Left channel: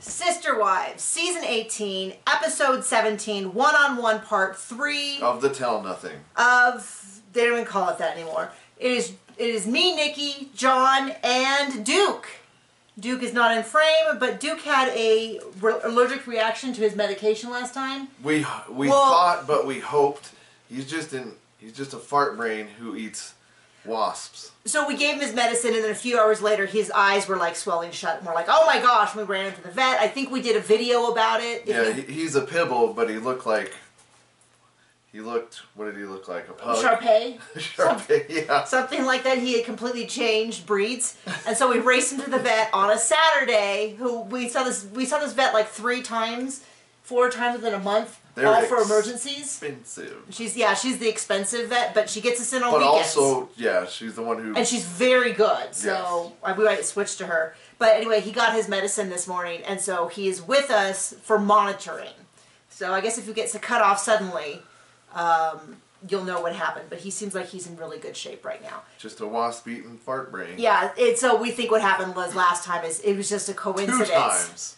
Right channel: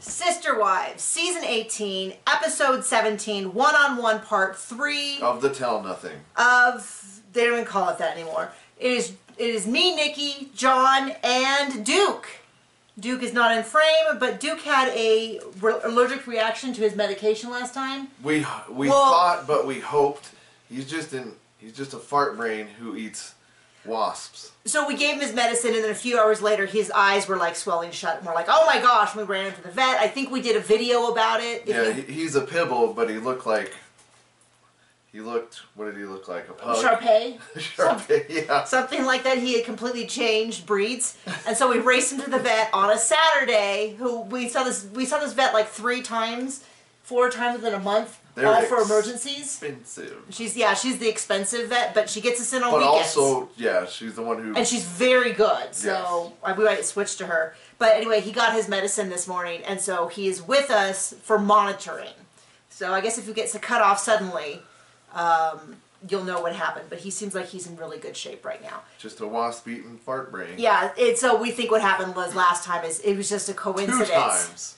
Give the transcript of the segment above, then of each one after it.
Sister Wives, Season 18, Episode 17, One-on-One Part 3. Of the Tell Nothing. They don't even call it that anymore. It is me, Nikki, John, and Duke. Duke is not in frame, but Duke had a allergic reaction to his medication last time. We thought, but we hoped. He's just a fart brain who eats wasps. So we gave him his medicine, and then a few hours later, his eyes were like swelling shut, and we're like, "Oh my gosh!" And we ran into the vet. I think we did a video about it. He's a pibble, but he looked like. What did he look like? A pug? Shar-Pei? Shar-Pei, yeah. Something like that. He had completely changed breeds. And so we raced him to the vet on a Saturday. We saw this vet like 4 times within a month. All for emergencies. Expensive. She's the expensive vet, but she gets us in on weekends. But also, yeah, she's the one who... And she's very good, so yes. We might switch to her. But anyway, he got his medicine this morning, and so he is with us for monitoring. So I guess if he gets cut off suddenly... you'll know what happened, but he seems like he's in really good shape right now. Just a wasp-eaten fart brain. Yeah, so we think what happened was last time it was just a coincidence. 2 times.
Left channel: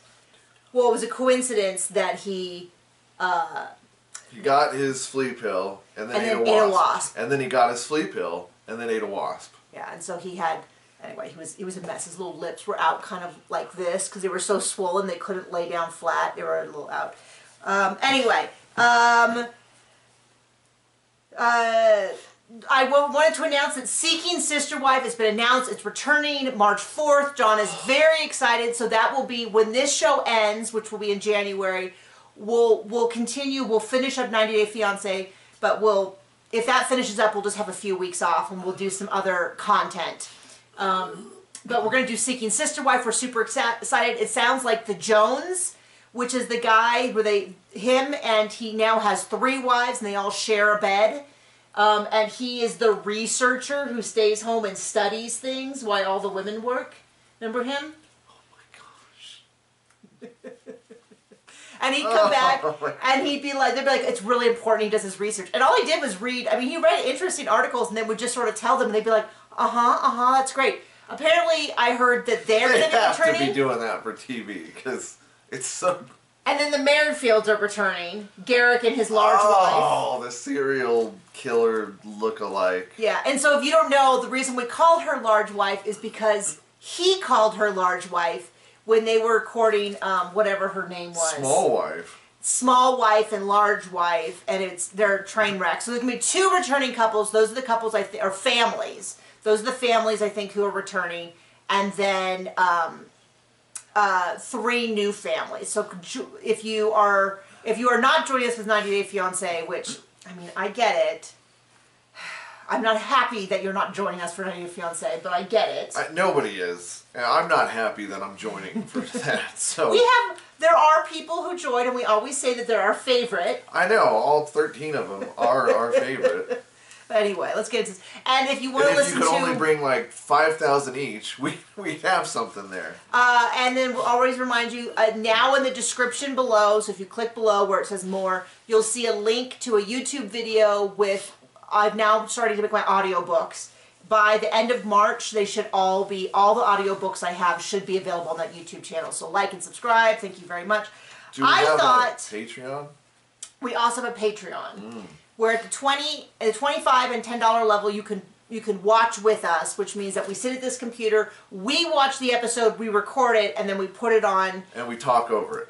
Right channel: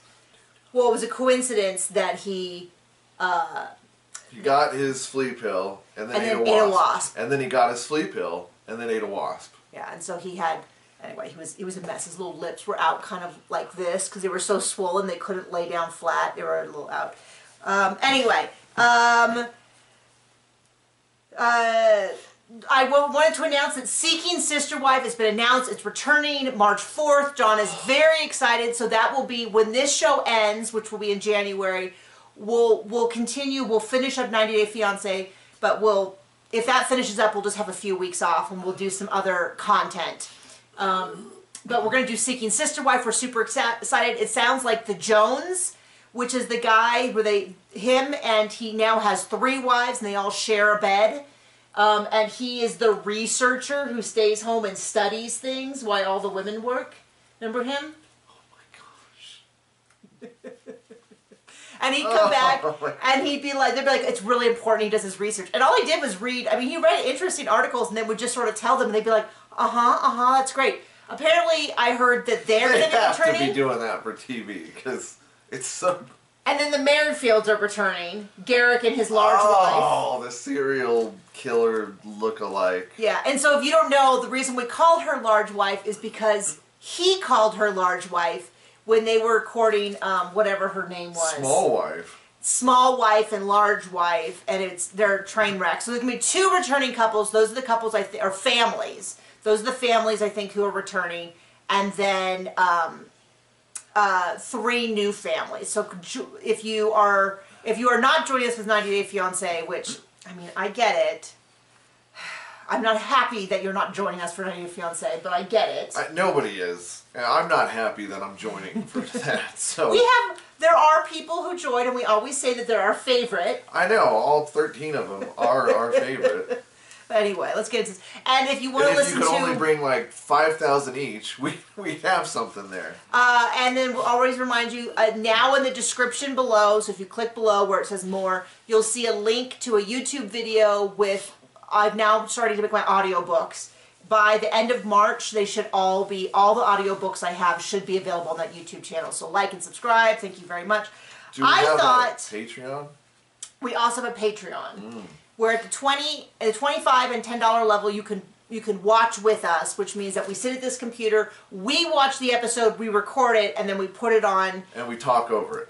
Well, it was a coincidence that he got his flea pill and then ate a wasp. And then he got his flea pill and then ate a wasp. Yeah, and so he had... Anyway, he was a mess. His little lips were out kind of like this because they were so swollen they couldn't lay down flat. They were a little out. I wanted to announce that Seeking Sister Wife has been announced. It's returning March 4th. John is very excited. So that will be when this show ends, which will be in January. We'll continue. We'll finish up 90 Day Fiancé, but if that finishes up, we'll just have a few weeks off and we'll do some other content. But we're going to do Seeking Sister Wife. We're super excited. It sounds like the Jones, which is the guy where he now has 3 wives and they all share a bed. And he is the researcher who stays home and studies things while all the women work. Remember him? Oh my gosh. And he'd come back and they'd be like, it's really important he does his research. And all he did was read, he read interesting articles and then would just sort of tell them and they'd be like, that's great. Apparently I heard that they're going to be returning. They have to be doing that for TV because it's so... And then the Merrifields are returning. Garrick and his large wife. Oh, the serial killer look-alike. Yeah, and so if you don't know, the reason we call her large wife is because he called her large wife when they were recording whatever her name was. Small wife. Small wife and large wife, and they're train wrecks. So there's going to be 2 returning couples. Those are the couples or families. Those are the families I think who are returning. And then... 3 new families. So if you are not joining us with 90 Day Fiancé, which I get it. I'm not happy that you're not joining us for 90 Day Fiancé, but I get it. Nobody is. I'm not happy that I'm joining for that. So there are people who join, and we always say that they're our favorite. I know all 13 of them are our favorite. Anyway, let's get into this. And if you want to listen to... if you could only bring like 5,000 each, we have something there. And then we'll always remind you, now in the description below, so if you click below where it says more, you'll see a link to a YouTube video with... I've now started to make my audiobooks. By the end of March, they should all the audiobooks I have should be available on that YouTube channel. So like and subscribe. Thank you very much. Do we have a Patreon? We also have a Patreon. Where at the $25 and $10 level, you can watch with us, which means that we sit at this computer, we watch the episode, we record it, and then we put it on. And we talk over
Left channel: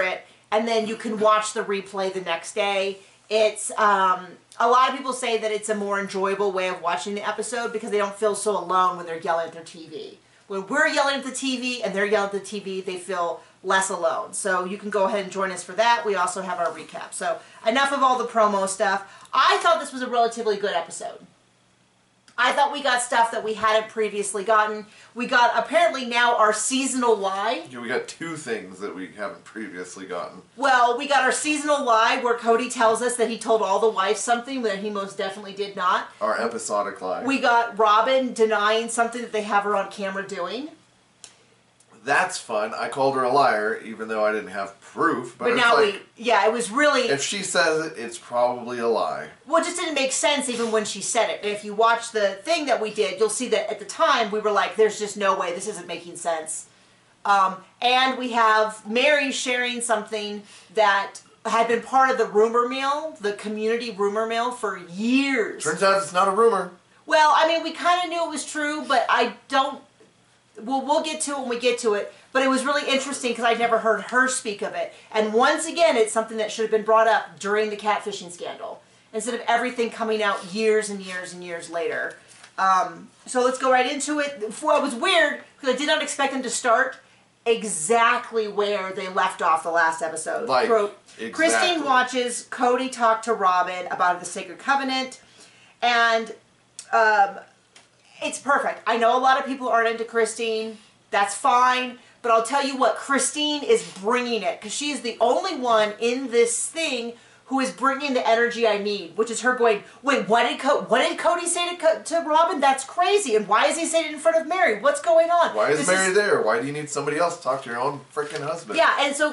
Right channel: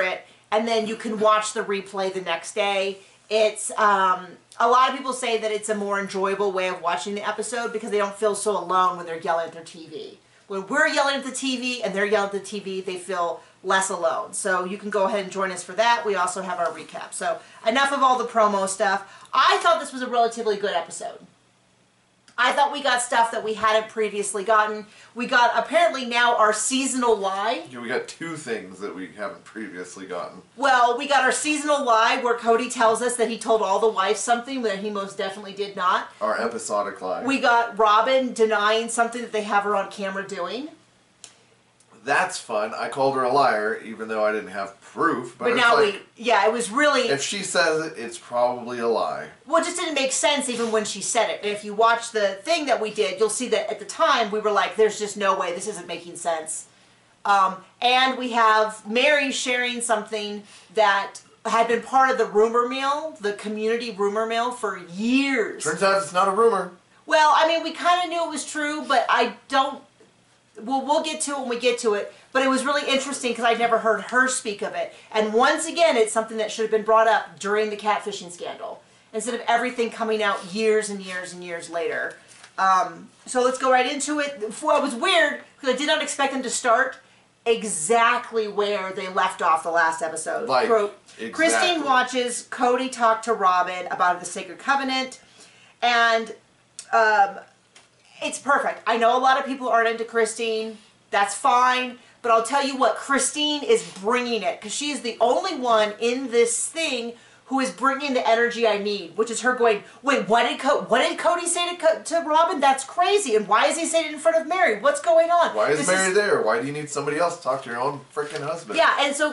it. And then you can watch the replay the next day. It's a lot of people say that it's a more enjoyable way of watching the episode because they don't feel so alone when they're yelling at their TV. When we're yelling at the TV and they're yelling at the TV, they feel less alone. So you can go ahead and join us for that. We also have our recap. So enough of all the promo stuff. I thought this was a relatively good episode. I thought we got stuff that we hadn't previously gotten. We got, apparently now, our seasonal lie. Yeah, we got 2 things that we haven't previously gotten. Well, we got our seasonal lie where Cody tells us that he told all the wives something that he most definitely did not. Our episodic lie. We got Robin denying something that they have her on camera doing. That's fun. I called her a liar, even though I didn't have proof. But now it was really... If she says it, it's probably a lie. Well, it just didn't make sense even when she said it. And if you watch the thing that we did, you'll see that at the time we were like, there's just no way, this isn't making sense. And we have Mary sharing something that had been part of the rumor mill, the community rumor mill, for years. Turns out it's not a rumor. Well, I mean, we kind of knew it was true, but I don't... We'll get to it when we get to it. But it was really interesting because I'd never heard her speak of it. And once again, it's something that should have been brought up during the catfishing scandal, instead of everything coming out years and years and years later. So let's go right into it. Well, it was weird because I did not expect them to start exactly where they left off the last episode. Like, exactly. Christine watches Cody talk to Robin about the Sacred Covenant, and it's perfect. I know a lot of people aren't into Christine. That's fine. But I'll tell you what, Christine is bringing it, because she is the only one in this thing who is bringing the energy I need, which is her going, wait, what did Cody say to Robin? That's crazy. And why is he saying it in front of Mary? What's going on? Why is Mary there? Why do you need somebody else to talk to your own freaking husband? Yeah, and so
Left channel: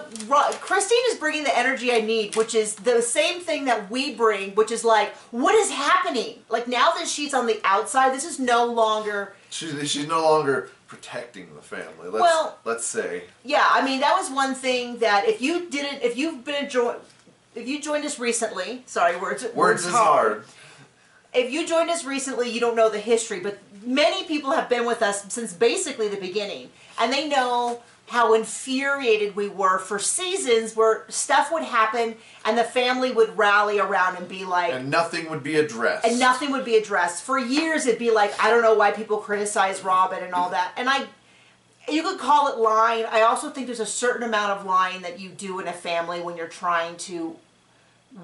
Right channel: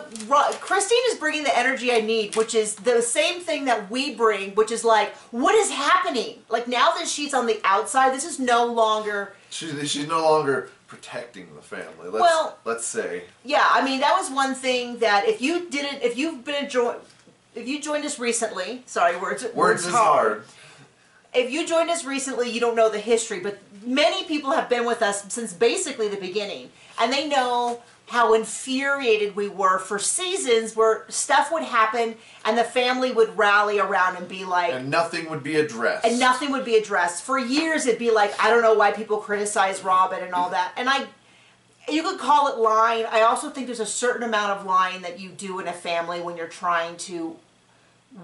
Christine is bringing the energy I need, which is the same thing that we bring, which is like, what is happening? Like, now that she's on the outside, this is no longer... She's no longer protecting the family. Let's say. Yeah, I mean, that was one thing that if you joined us recently, sorry, words is hard. If you joined us recently, you don't know the history, but many people have been with us since basically the beginning, and they know how infuriated we were for seasons where stuff would happen and the family would rally around and be like... And nothing would be addressed. And nothing would be addressed. For years, it'd be like, I don't know why people criticize Robin and all that. And you could call it lying. I also think there's a certain amount of lying that you do in a family when you're trying to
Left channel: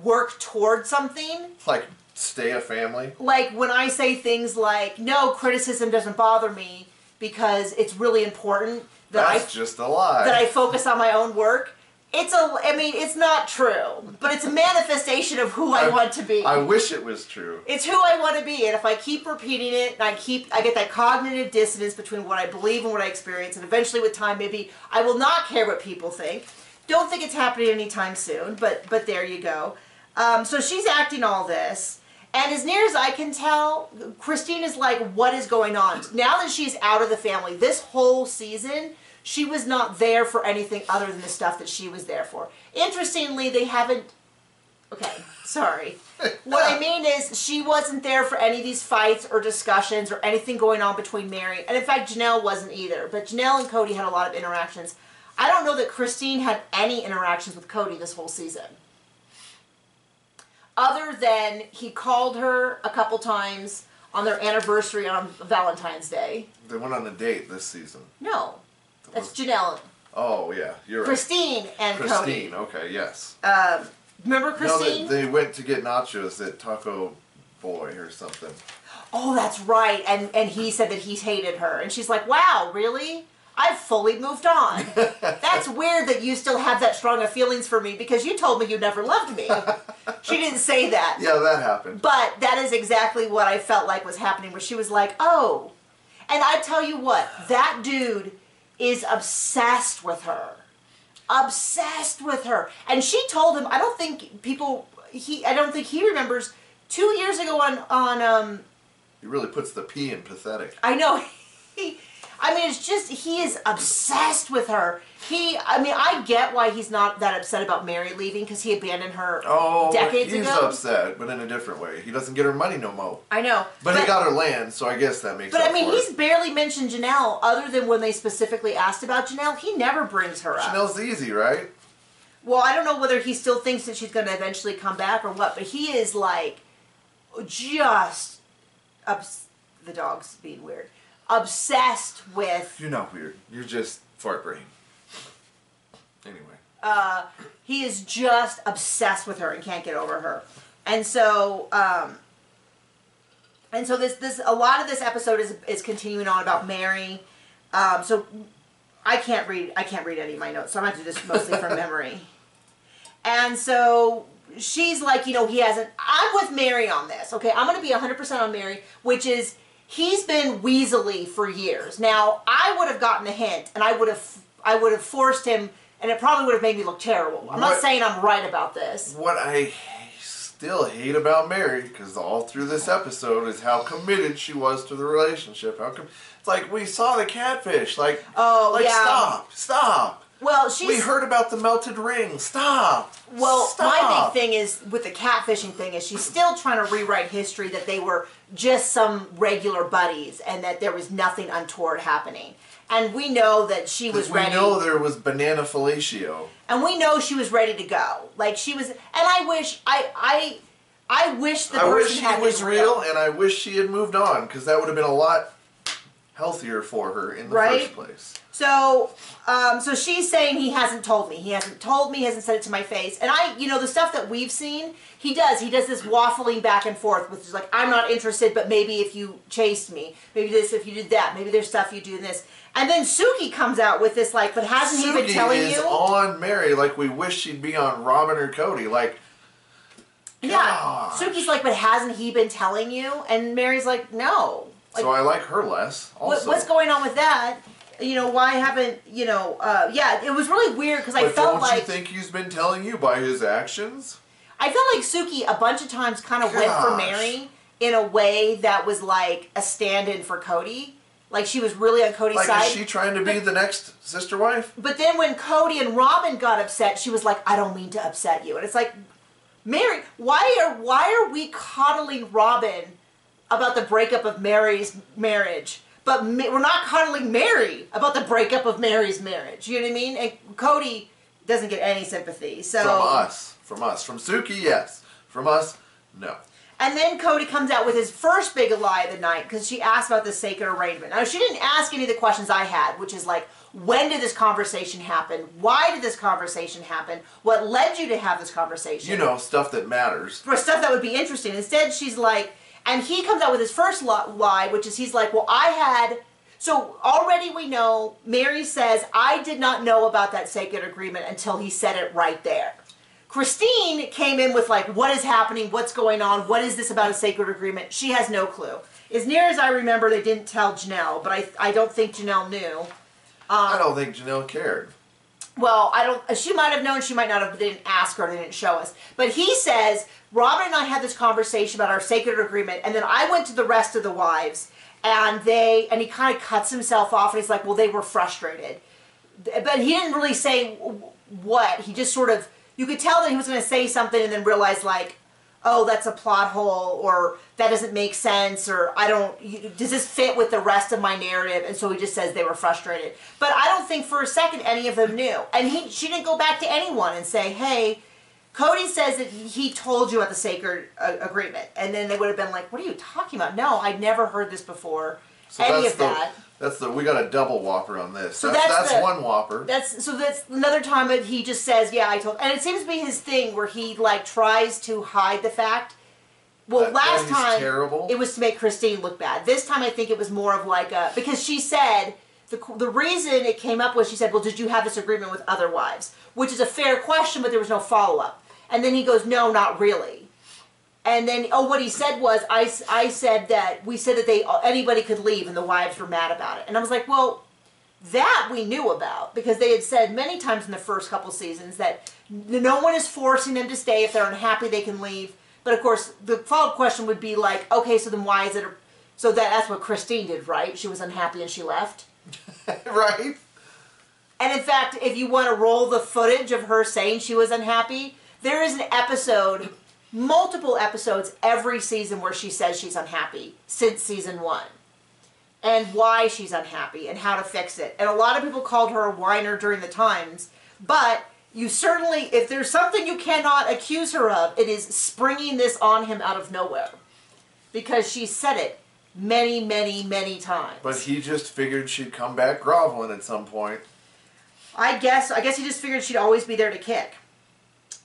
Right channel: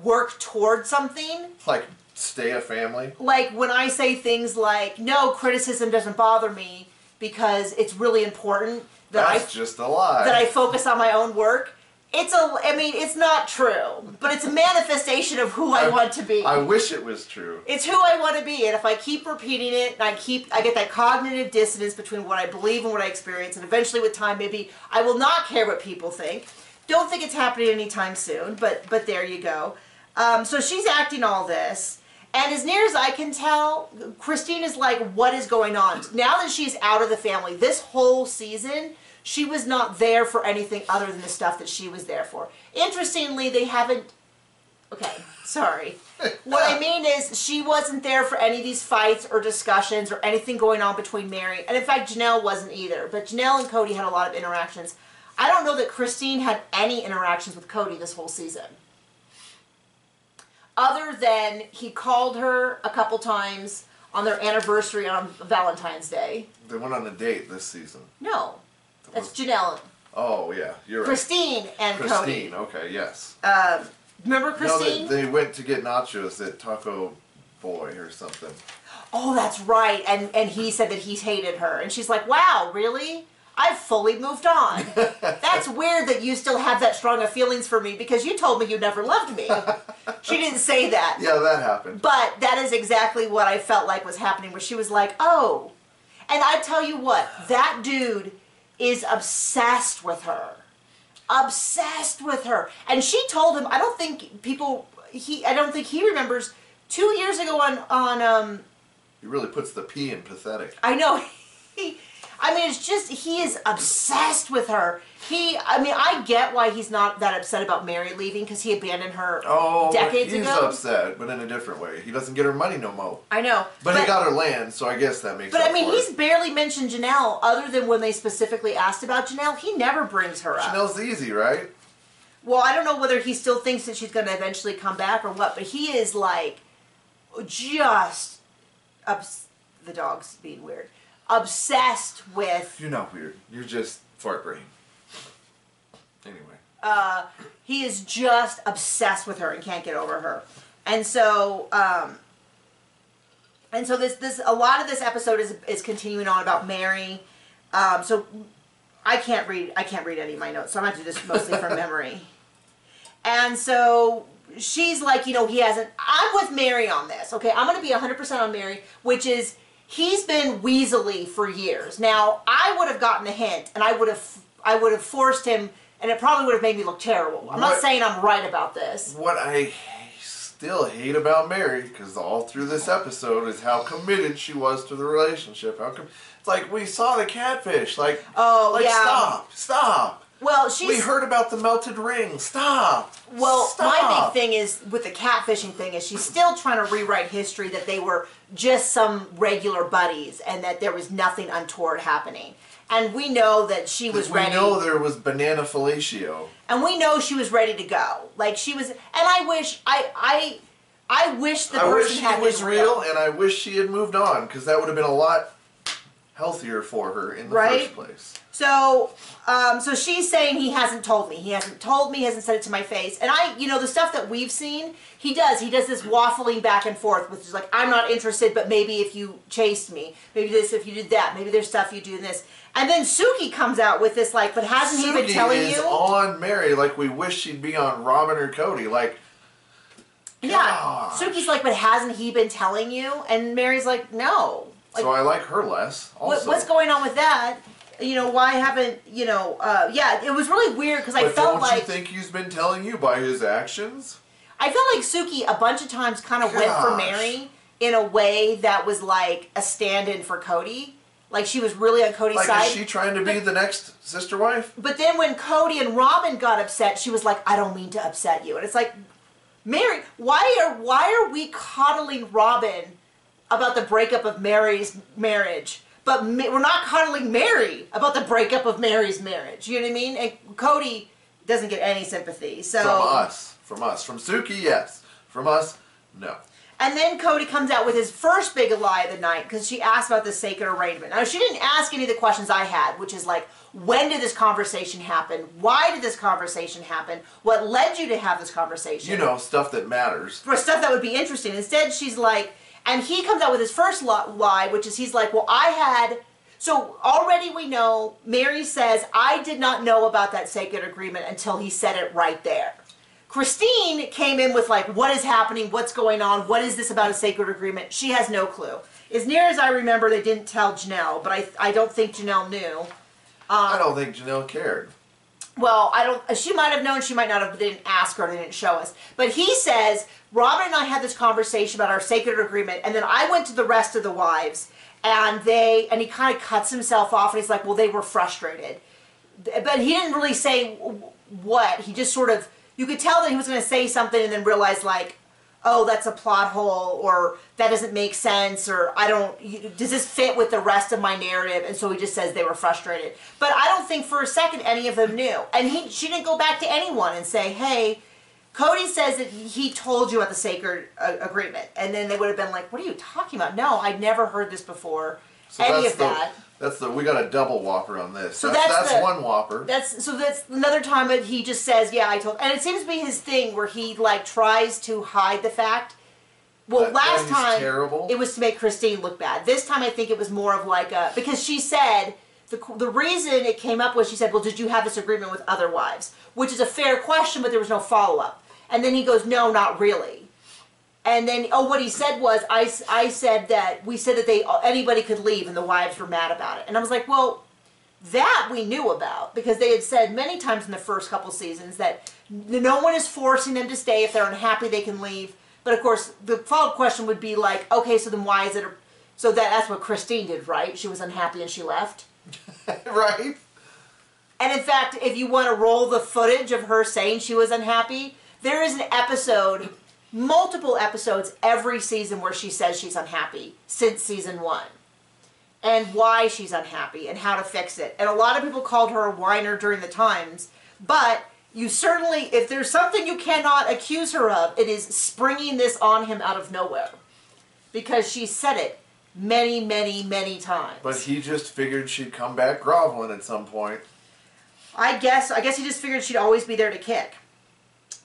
work toward something. Like, stay a family? Like, when I say things like, no, criticism doesn't bother me because it's really important that That's just a lie. That I focus on my own work. It's not true, but it's a manifestation of who I want to be. I wish it was true. It's who I want to be, and if I keep repeating it, and I get that cognitive dissonance between what I believe and what I experience, and eventually with time, maybe I will not care what people think. Don't think it's happening anytime soon, but there you go. So she's acting all this, and as near as I can tell, Christine is like, what is going on? Now that she's out of the family, this whole season, she was not there for anything other than the stuff that she was there for. Interestingly, they haven't... Okay, sorry. What I mean is, she wasn't there for any of these fights or discussions or anything going on between Mary. And in fact, Janelle wasn't either. But Janelle and Cody had a lot of interactions. I don't know that Christine had any interactions with Cody this whole season. Other than he called her a couple times on their anniversary on Valentine's Day. They went on a date this season. No. That's Janelle. Oh, yeah. You're right. Christine and Cody. Christine, okay, yes. Remember Christine? No, they went to get nachos at Taco Boy or something. Oh, that's right. And he said that he hated her. And she's like, wow, really? I've fully moved on. That's weird that you still have that strong of feelings for me because you told me you never loved me. She didn't say that. Yeah, that happened. But that is exactly what I felt like was happening, where she was like, oh. And I tell you what, that dude is obsessed with her. Obsessed with her. And she told him, I don't think he remembers 2 years ago on He really puts the P in pathetic. I know. It's just, he is obsessed with her. I get why he's not that upset about Mary leaving, because he abandoned her decades ago. He's upset, but in a different way. He doesn't get her money no more. I know. But he got her land, so I guess that makes sense. But he's barely mentioned Janelle, other than when they specifically asked about Janelle. He never brings her up. Janelle's easy, right? Well, I don't know whether he still thinks that she's going to eventually come back or what, but he is like, just, the dog's being weird, obsessed with... You're not weird. You're just fart brain. Anyway. He is just obsessed with her and can't get over her. And so this a lot of this episode is continuing on about Mary. So I can't read any of my notes, so I'm going to do this mostly from memory. And so she's like, I'm with Mary on this. Okay, I'm going to be 100% on Mary, which is, he's been weaselly for years. Now, I would have gotten a hint, and I would have forced him, and it probably would have made me look terrible. I'm not saying I'm right about this. What I still hate about Mary, because all through this episode is how committed she was to the relationship. It's like, we saw the catfish. Like, stop. Well, we heard about the melted ring. Stop. Well, Stop. my big thing is, with the catfishing thing, is she's still trying to rewrite history that they were just some regular buddies and that there was nothing untoward happening. And we know that she was ready. We know there was banana fellatio. And we know she was ready to go. Like, she was, and I wish, I wish the person had been was real, and I wish she had moved on, because that would have been a lot healthier for her in the first place. So, so she's saying he hasn't told me. He hasn't told me, he hasn't said it to my face. And the stuff that we've seen, he does this waffling back and forth, which is like, I'm not interested, but maybe if you chased me, maybe this, if you did that, maybe there's stuff you do in this. And then Suki comes out with this, like, but hasn't he been telling you? Suki is on Mary, like we wish she'd be on Robin or Cody, like, yeah. Suki's like, but hasn't he been telling you? And Mary's like, no. Like, so I like her less, also. What's going on with that? Why haven't, yeah, it was really weird, because I felt like... But don't you think he's been telling you by his actions? I felt like Suki a bunch of times kind of went for Mary in a way that was like a stand-in for Cody. Like, she was really on Cody's side. Is she trying to be the next sister wife? But then when Cody and Robin got upset, she was like, I don't mean to upset you. And it's like, Mary, why are we coddling Robin about the breakup of Mary's marriage? But we're not coddling Mary about the breakup of Mary's marriage. You know what I mean? And Cody doesn't get any sympathy. So From us. From Suki, yes. From us, no. And then Cody comes out with his first big lie of the night, because she asked about the sacred arrangement. Now, she didn't ask any of the questions I had, which is like, when did this conversation happen? Why did this conversation happen? What led you to have this conversation? Stuff that matters. For stuff that would be interesting. Instead, she's like, and he comes out with his first lie, which is he's like, well, so already we know, Mary says, I did not know about that sacred agreement until he said it right there. Christine came in with like, what is happening? What's going on? What is this about a sacred agreement? She has no clue. As near as I remember, they didn't tell Janelle, but I don't think Janelle knew. I don't think Janelle cared. Well, she might have known, she might not have, but they didn't ask her, they didn't show us. But he says, Robin and I had this conversation about our sacred agreement, and then I went to the rest of the wives, and he kind of cuts himself off, and he's like, well, they were frustrated. But he didn't really say what. He just sort of, you could tell that he was going to say something and then realize, like, oh, that's a plot hole, or that doesn't make sense, or does this fit with the rest of my narrative? And so he just says they were frustrated. But I don't think for a second any of them knew. And she didn't go back to anyone and say, hey, Cody says that he told you about the sacred agreement. And then they would have been like, what are you talking about? No, I'd never heard this before. So we got a double whopper on this. So that's one whopper. That's another time that he just says, yeah, I told. And it seems to be his thing where he like tries to hide the fact. Well, last time it was to make Christine look bad. This time I think it was more of like because she said the reason it came up was she said, well, did you have this agreement with other wives? Which is a fair question, but there was no follow-up. And then he goes, no, not really. And then, what he said was, I said that, we said that anybody could leave and the wives were mad about it. And I was like, well, that we knew about, because they had said many times in the first couple seasons that no one is forcing them to stay. If they're unhappy, they can leave. But of course, the follow-up question would be like, okay, so then why is it, so that's what Christine did, right? She was unhappy and she left. Right. And in fact, if you want to roll the footage of her saying she was unhappy, there is an episode, multiple episodes every season where she says she's unhappy since season 1. And why she's unhappy and how to fix it. And a lot of people called her a whiner during the times, but you certainly, if there's something you cannot accuse her of, it is springing this on him out of nowhere. Because she said it many, many, many times. But he just figured she'd come back groveling at some point. I guess he just figured she'd always be there to kick.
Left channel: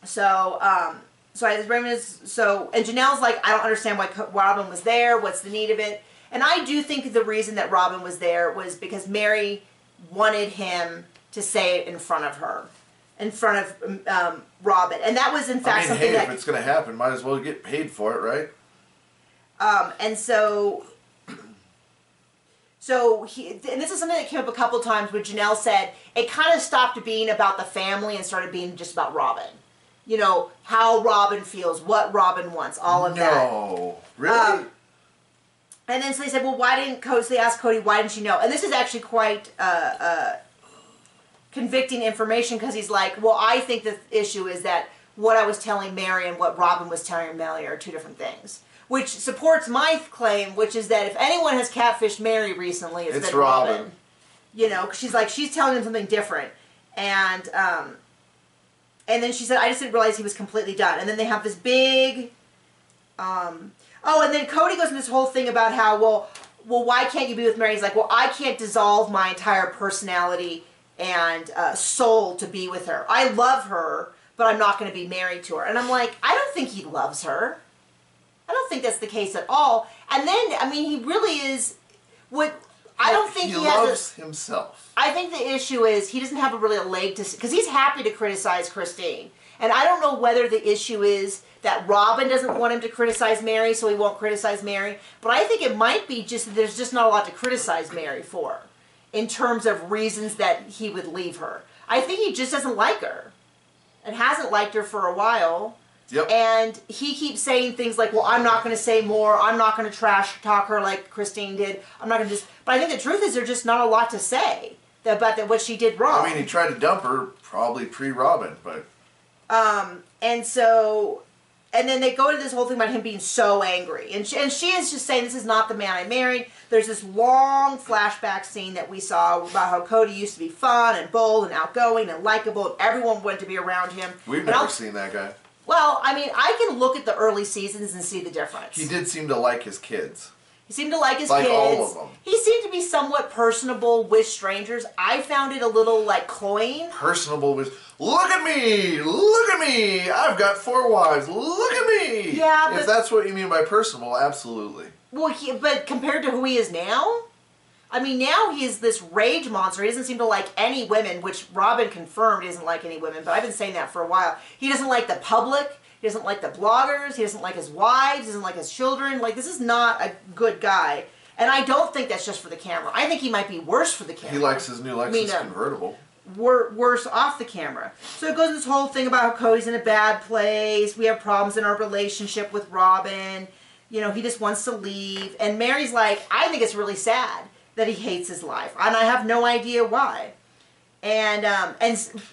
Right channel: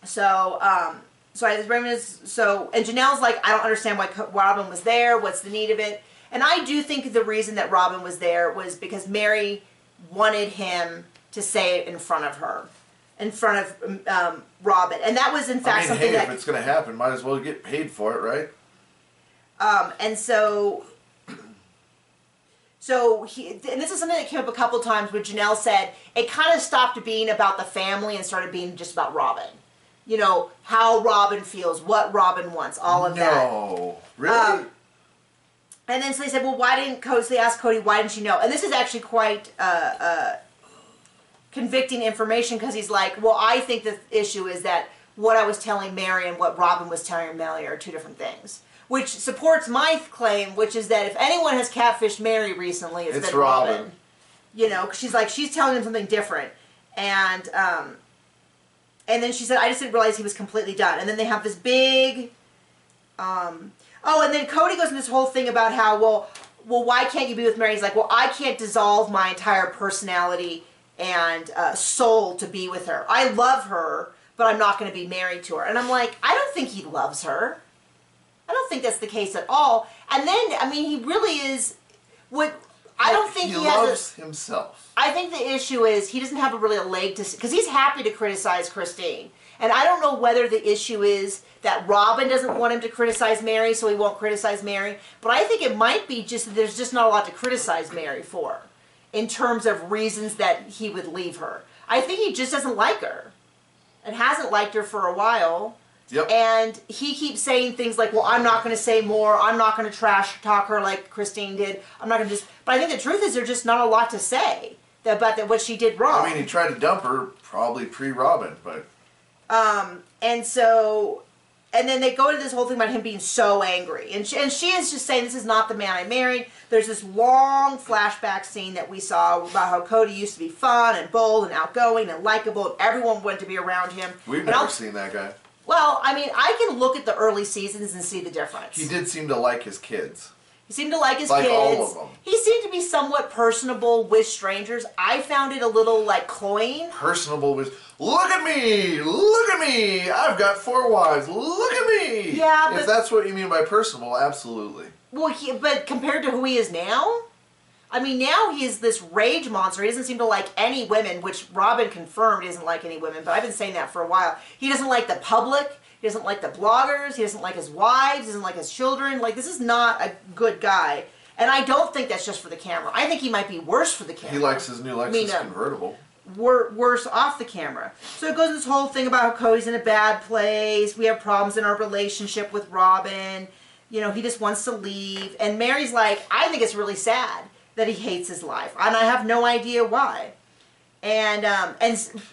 So, and Janelle's like, I don't understand why Robin was there. What's the need of it? And I do think the reason that Robin was there was because Mary wanted him to say it in front of her, in front of Robin. And that was, in fact, something that... if it's going to happen, might as well get paid for it, right? And so and this is something that came up a couple times where Janelle said it kind of stopped being about the family and started being just about Robin. you know, how Robin feels, what Robin wants, all of that. No, really? And then so they said, well, why didn't Cody, so they asked Cody, why didn't you know? And this is actually quite convicting information, because he's like, well, I think the issue is that what I was telling Mary and what Robin was telling Mary are two different things. Which supports my claim, which is that if anyone has catfished Mary recently, it's been Robin. You know, because she's like, she's telling him something different. And then she said, I just didn't realize he was completely done. And then they have this big, oh, and then Cody goes into this whole thing about how, well, why can't you be with Mary? He's like, well, I can't dissolve my entire personality and soul to be with her. I love her, but I'm not going to be married to her. And I'm like, I don't think he loves her. I don't think that's the case at all. And then, I mean, he really is, I don't think he loves himself. I think the issue is he doesn't have a leg to, because he's happy to criticize Christine. And I don't know whether the issue is that Robin doesn't want him to criticize Mary, so he won't criticize Mary. But I think it might be just that there's just not a lot to criticize Mary for, in terms of reasons that he would leave her. I think he just doesn't like her, and hasn't liked her for a while. Yep. And he keeps saying things like, well, I'm not going to say more. I'm not going to trash talk her like Christine did. I'm not going to just... But I think the truth is there's just not a lot to say about what she did wrong. I mean, he tried to dump her probably pre-Robin, but... And so... And then they go into this whole thing about him being so angry. And she is just saying, this is not the man I married. There's this long flashback scene that we saw about how Cody used to be fun and bold and outgoing and likable, and everyone wanted to be around him. We've never seen that guy. Well, I mean, I can look at the early seasons and see the difference. He did seem to like his kids. He seemed to like his kids. Like all of them. He seemed to be somewhat personable with strangers. I found it a little, like, cloying. Personable with, look at me! Look at me! I've got 4 wives! Look at me! Yeah, but... If that's what you mean by personable, absolutely. Well, but compared to who he is now? I mean, now he is this rage monster. He doesn't seem to like any women, which Robin confirmed he doesn't like any women, but I've been saying that for a while. He doesn't like the public. He doesn't like the bloggers. He doesn't like his wives. He doesn't like his children. Like, this is not a good guy. And I don't think that's just for the camera. I think he might be worse for the camera. He likes his new Lexus convertible. Worse off the camera. So it goes into this whole thing about how Cody's in a bad place. We have problems in our relationship with Robin. You know, he just wants to leave. And Mary's like, I think it's really sad that he hates his life. And I have no idea why. And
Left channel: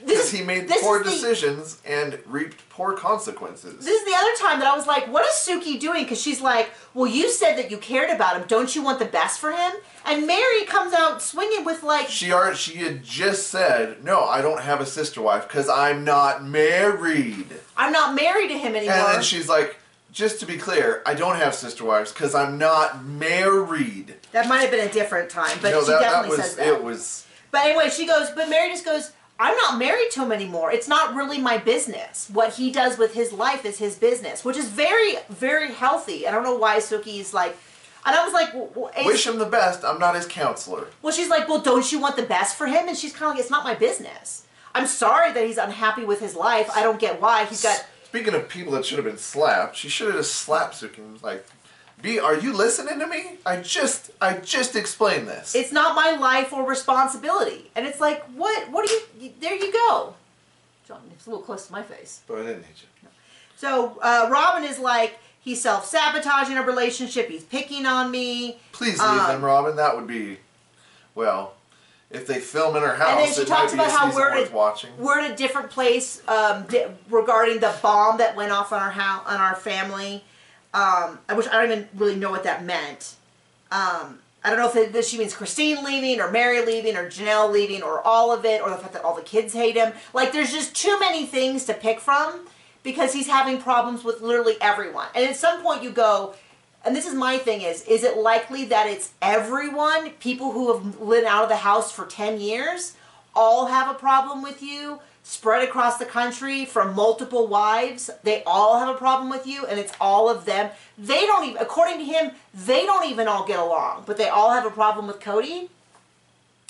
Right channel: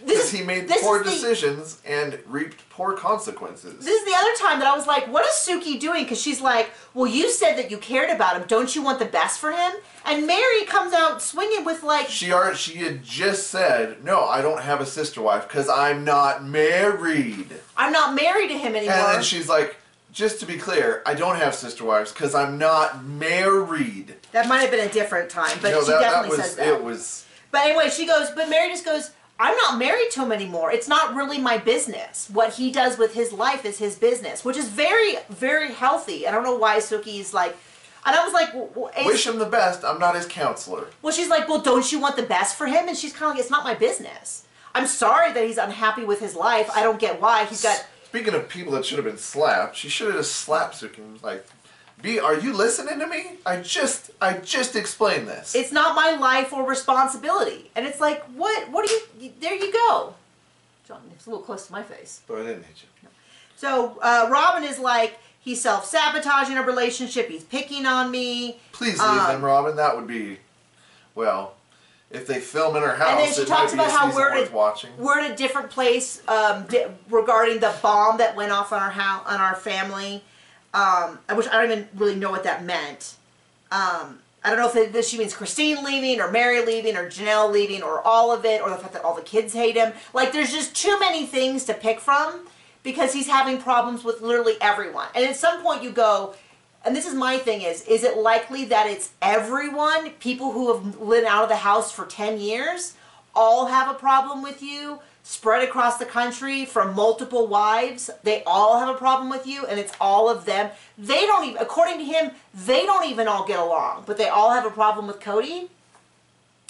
because he made poor decisions and reaped poor consequences. This is the other time that I was like, what is Suki doing? Because she's like, well, you said that you cared about him. Don't you want the best for him? And Mary comes out swinging with like... She had just said, no, I don't have a sister wife because I'm not married. I'm not married to him anymore. And then she's like, just to be clear, I don't have sister wives because I'm not married. That might have been a different time, but she definitely says that. It was... But anyway, but Mary just goes, I'm not married to him anymore. It's not really my business. What he does with his life is his business, which is very, very healthy. I don't know why Suki's like, and I was like, wish him the best. I'm not his counselor. Well, she's like, well, don't you want the best for him? And she's kind of like, it's not my business. I'm sorry that he's unhappy with his life. I don't get why. He's got... Speaking of people that should have been slapped, she should have just slapped Suki and was like, are you listening to me? I just explained this. It's not my life or responsibility. And it's like, what do you, there you go. John, it's a little close to my face. But I didn't hit you. No. So, Robin is like, he's self-sabotaging our relationship, he's picking on me. Please leave them, Robin. That would be, well, if they film in her house, and then she talks about how we're at a different place regarding the bomb that went off on our family. Which I don't even really know what that meant. I don't know if she means Christine leaving, or Mary leaving, or Janelle leaving, or all of it, or the fact that all the kids hate him. Like, there's just too many things to pick from, because he's having problems with literally everyone. And at some point you go, and this is my thing is it likely that it's everyone, people who have lived out of the house for 10 years, all have a problem with you? Spread across the country from multiple wives, they all have a problem with you, and it's all of them. They don't even, according to him, they don't even all get along, but they all have a problem with Cody?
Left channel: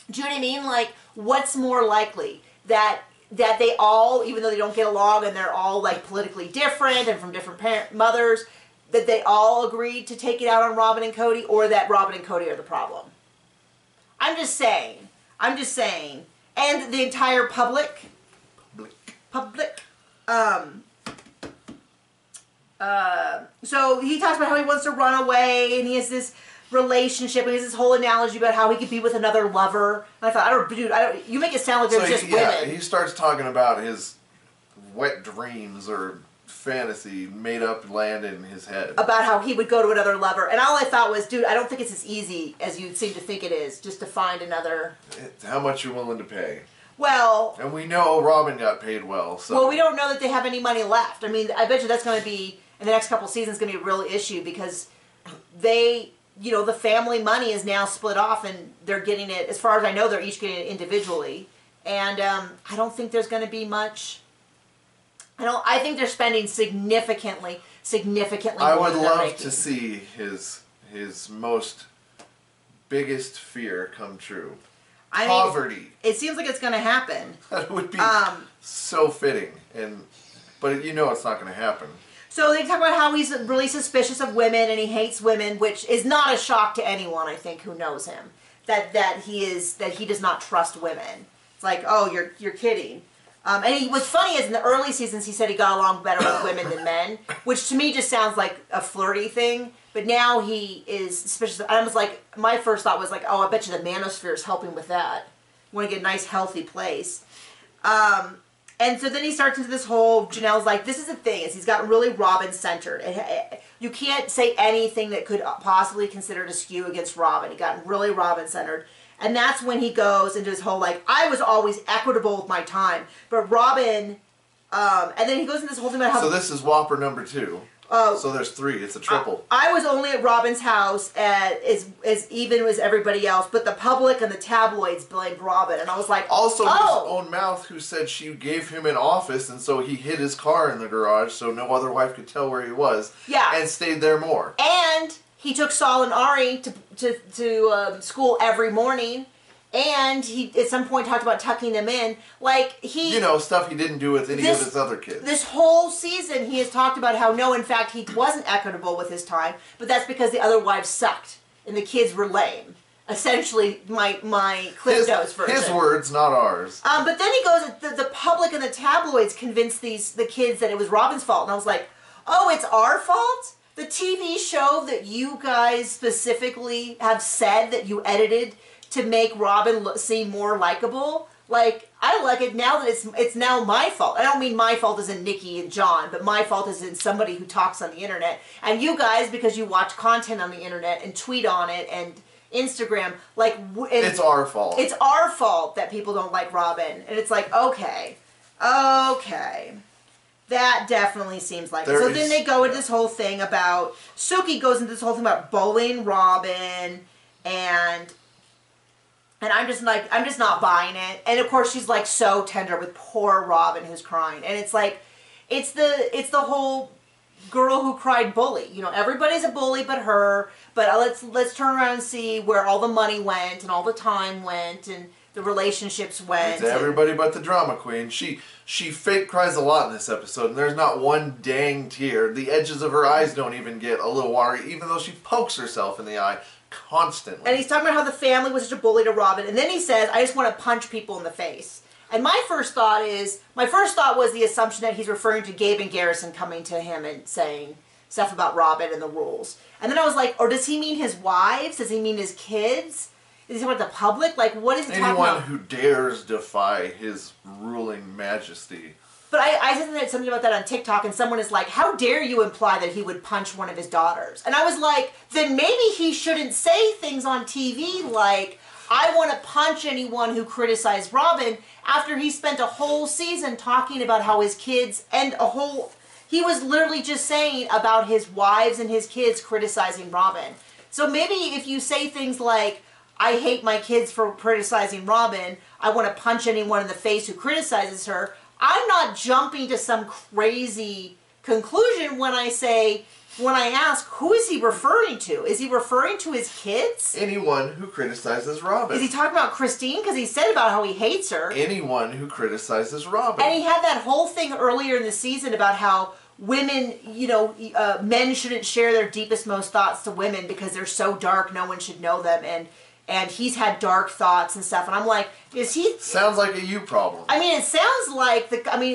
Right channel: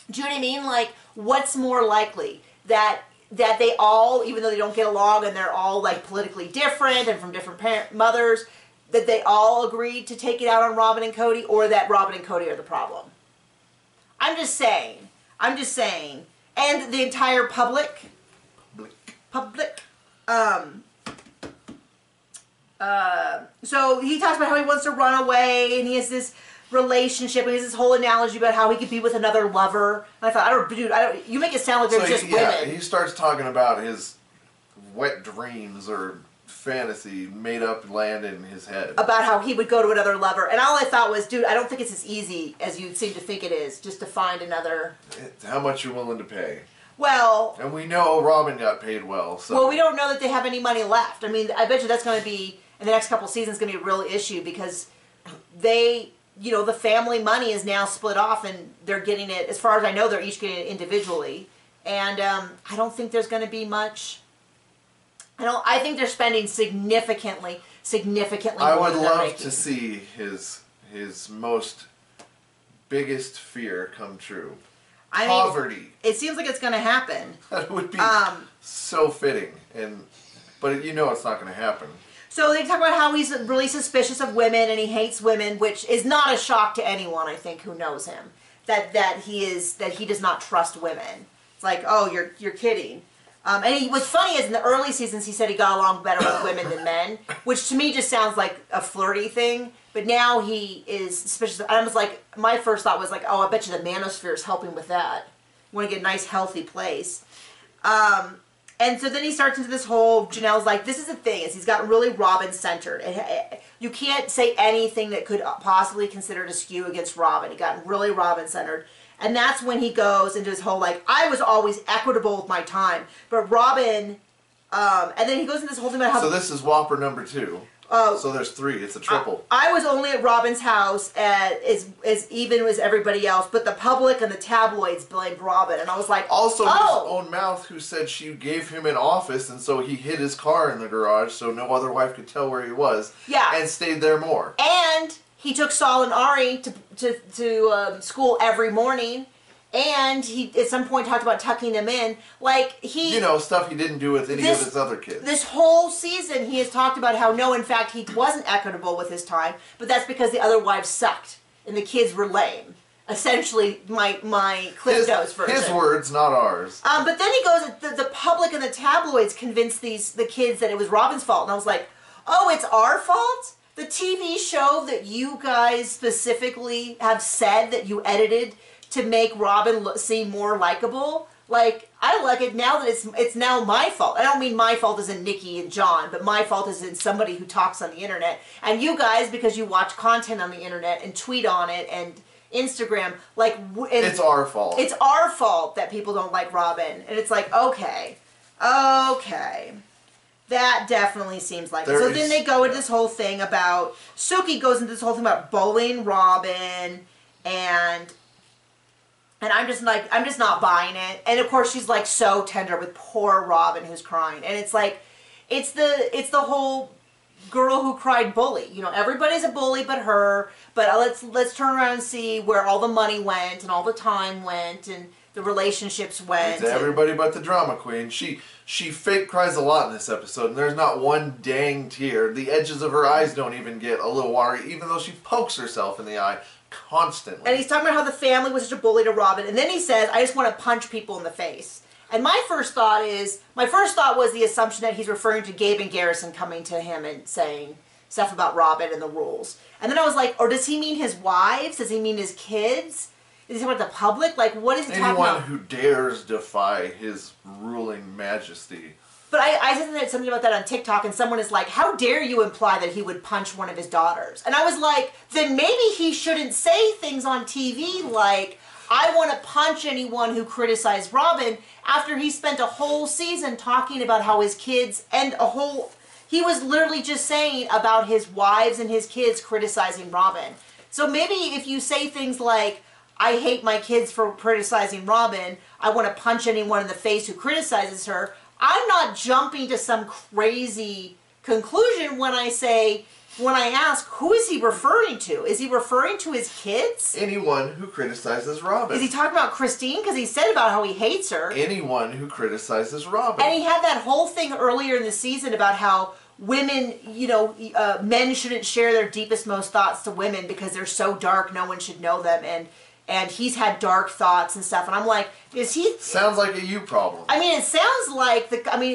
Do you know what I mean? Like, what's more likely? That they all, even though they don't get along and they're all like politically different and from different mothers, that they all agreed to take it out on Robin and Cody, or that Robin and Cody are the problem? I'm just saying. And the entire public, So he talks about how he wants to run away, and he has this relationship, and he has this whole analogy about how he could be with another lover. And I thought, you make it sound like there's just women. He starts talking about his wet dreams or fantasy made up land in his head. About how he would go to another lover. And all I thought was, dude, I don't think it's as easy as you seem to think it is, just to find another... How much you willing to pay? Well... And we know Robin got paid well, so... Well, we don't know that they have any money left. I mean, I bet you that's going to be, in the next couple seasons, going to be a real issue, because they... You know, the family money is now split off, and they're getting it, as far as I know, they're each getting it individually. And I don't think there's going to be much... I think they're spending significantly more. I would love to see his most biggest fear come true. Poverty. It seems like it's going to happen. That would be so fitting, but you know it's not going to happen. So they talk about how he's really suspicious of women and he hates women, which is not a shock to anyone, I think, who knows him. That he does not trust women. It's like, oh, you're kidding. And what's funny is in the early seasons he said he got along better with women than men, which to me just sounds like a flirty thing. But now he is suspicious. I was like, my first thought was like, oh, I bet you the manosphere is helping with that. You want to get a nice, healthy place. And so then he starts into this whole, Janelle's like, this is the thing, is he's got really Robin-centered. And you can't say anything that could possibly consider to skew against Robin. He got really Robin-centered. And that's when he goes into his whole, like, I was always equitable with my time. But Robin, and then he goes into this whole thing about how... So this is Whopper number 2. So there's 3. It's a triple. I was only at Robin's house as even as everybody else, but the public and the tabloids blamed Robin, and I was like, also his own mouth, who said she gave him an office, and so he hid his car in the garage so no other wife could tell where he was. Yeah, and stayed there more. And he took Saul and Ari to school every morning. And he, at some point, talked about tucking them in. Like, he... You know, stuff he didn't do with any of his other kids. This whole season, he has talked about how, no, in fact, he wasn't equitable with his time, but that's because the other wives sucked, and the kids were lame. Essentially, my Cliff Notes version. His words, not ours. But then he goes, the public and the tabloids convinced the kids that it was Robin's fault. And I was like, oh, it's our fault? The TV show that you guys specifically have said that you edited to make Robin seem more likable. Like, I like it now that it's now my fault. I don't mean my fault as in Nikki and John, but my fault as in somebody who talks on the internet. And you guys, because you watch content on the internet and tweet on it and Instagram, like... it's our fault. It's our fault that people don't like Robin. And it's like, okay. That definitely seems like it. So then they go into this whole thing about... Suki goes into this whole thing about bullying Robin, and I'm just like, I'm just not buying it. And of course she's like so tender with poor Robin who's crying. And it's like, it's the whole girl who cried bully. You know, everybody's a bully but her. But let's turn around and see where all the money went and all the time went and the relationships went. It's everybody but the drama queen. She fake cries a lot in this episode, and there's not one dang tear. The edges of her eyes don't even get a little watery, even though she pokes herself in the eye constantly. And he's talking about how the family was such a bully to Robin, and then he says, I just want to punch people in the face. And my first thought was the assumption that he's referring to Gabe and Garrison coming to him and saying stuff about Robin and the rules. And then I was like, or does he mean his wives? Does he mean his kids? Is he talking about the public? Like, what is he talking about? Anyone who dares defy his ruling majesty. But I said something about that on TikTok, and someone is like, how dare you imply that he would punch one of his daughters? And I was like, then maybe he shouldn't say things on TV like, I want to punch anyone who criticized Robin, after he spent a whole season talking about how his kids, and he was literally just saying about his wives and his kids criticizing Robin. So maybe if you say things like, I hate my kids for criticizing Robin, I want to punch anyone in the face who criticizes her, I'm not jumping to some crazy conclusion when I ask, who is he referring to? Is he referring to his kids? Anyone who criticizes Robin. Is he talking about Christine? Because he said about how he hates her. Anyone who criticizes Robin. And he had that whole thing earlier in the season about how women, men shouldn't share their deepest, most thoughts to women because they're so dark, no one should know them. And and he's had dark thoughts and stuff. And I'm like, is he? Sounds like a you problem. I mean, it sounds like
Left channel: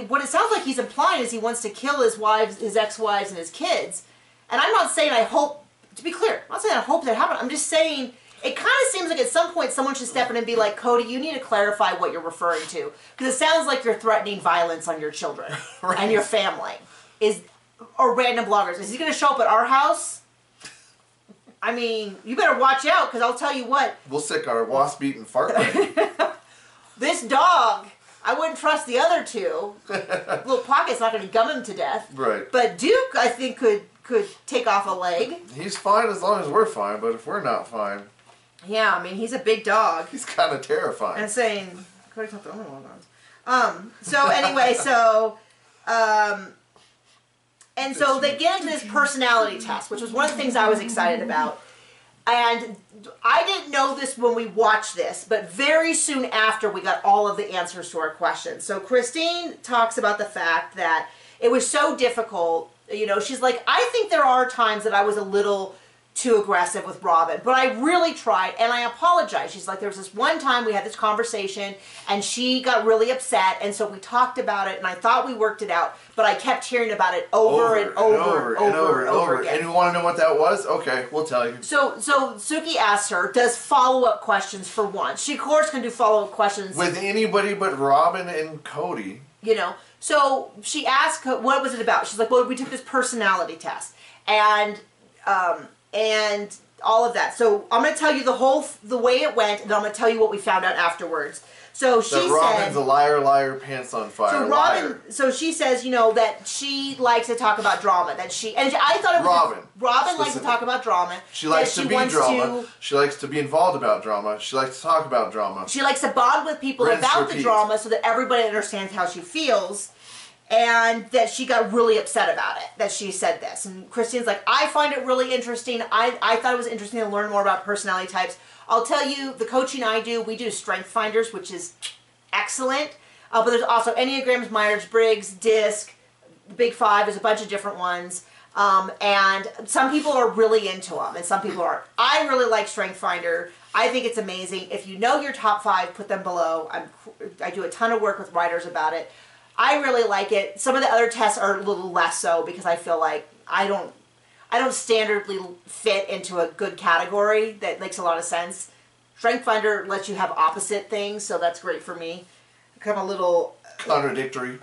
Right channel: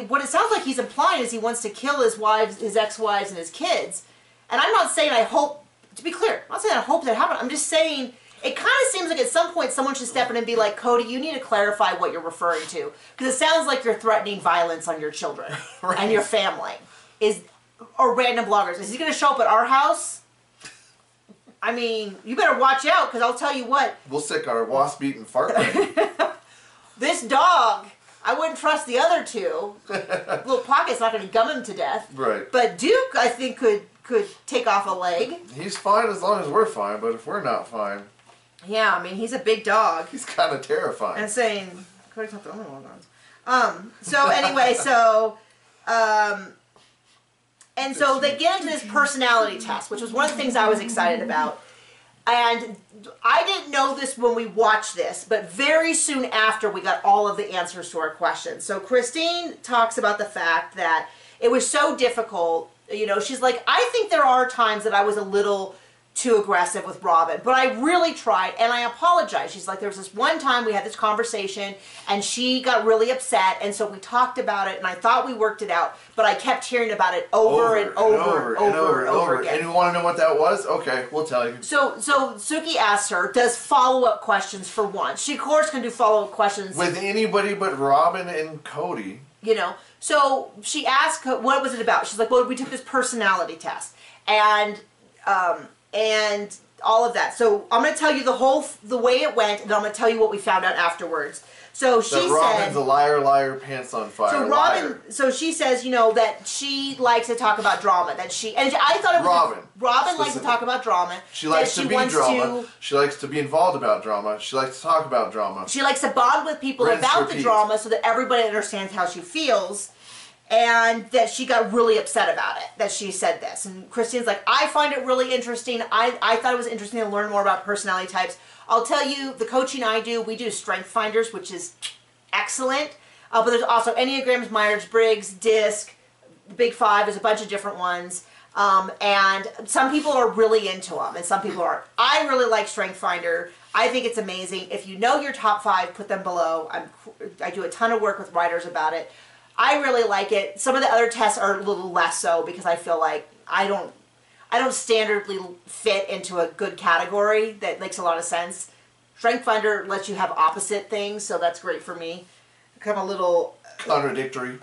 what it sounds like he's implying is he wants to kill his wives, his ex-wives, and his kids. And I'm not saying I hope. To be clear, I'm not saying I hope that happens. I'm just saying it kind of seems like at some point someone should step in and be like, Cody, you need to clarify what you're referring to, because it sounds like you're threatening violence on your children right. and your family. Or random bloggers. Is he going to show up at our house? I mean, you better watch out, because I'll tell you what. We'll stick our wasp-eating fart ring. This dog, I wouldn't trust the other two. Little Pocket's not going to gum him to death. Right. But Duke, I think, could take off a leg. He's fine as long as we're fine, but if we're not fine... Yeah, I mean, he's a big dog. He's kind of terrifying. And saying, Cody's not the only one. So anyway, and so they get into this personality test, which was one of the things I was excited about. And I didn't know this when we watched this, but very soon after we got all of the answers to our questions. So Christine talks about the fact that it was so difficult. You know, she's like, I think there are times that I was a little too aggressive with Robin, but I really tried, and I apologize. She's like, there was this one time we had this conversation and she got really upset, and so we talked about it, and I thought we worked it out, but I kept hearing about it over and over again. And you want to know what that was? Okay, we'll tell you. So Suki asks her, does follow-up questions for once. She of course can do follow-up questions with anybody but Robin and Cody. You know, so she asked, what was it about? She's like, well, we took this personality test, and all of that. So I'm going to tell you the way it went, and I'm going to tell you what we found out afterwards. So she said, Robin's a liar, liar, pants on fire. So Robin, so she says, you know, that she likes to talk about drama. That she, and I thought it was Robin likes to talk about drama. She likes to be drama. She likes to be involved about drama. She likes to talk about drama. She likes to bond with people about the drama so that everybody understands how she feels. And that she got really upset about it, that she said this. And Christine's like, I find it really interesting. I thought it was interesting to learn more about personality types. I'll tell you, the coaching I do, we do strength finders, which is excellent. But there's also Enneagrams, Myers-Briggs, DISC, Big Five. There's a bunch of different ones. And some people are really into them, and some people aren't. I really like Strength Finder. I think it's amazing. If you know your top 5, put them below. I do a ton of work with writers about it. I really like it. Some of the other tests are a little less so, because I feel like I don't standardly fit into a good category that makes a lot of sense. Strength Finder lets you have opposite things, so that's great for me. Kind of a little contradictory.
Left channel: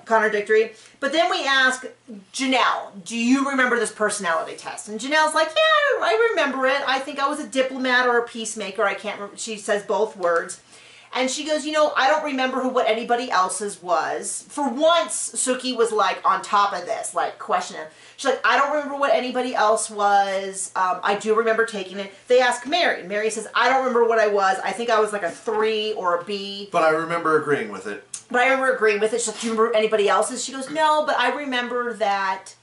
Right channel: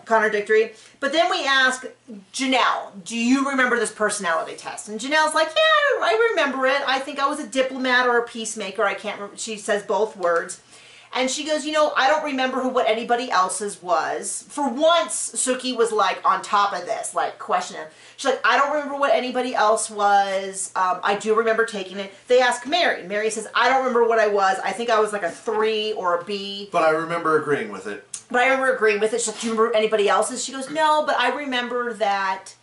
But then we ask Janelle, do you remember this personality test? And Janelle's like, yeah, I remember it. I think I was a diplomat or a peacemaker. I can't remember. She says both words. And she goes, you know, I don't remember what anybody else's was. For once, Suki was like on top of this, like questioning. She's like, I don't remember what anybody else was. I do remember taking it. They ask Mary. Mary says, I don't remember what I was. I think I was like a 3 or a B. But I remember agreeing with it. She's like, do you remember anybody else's? She goes, no, but I remember that.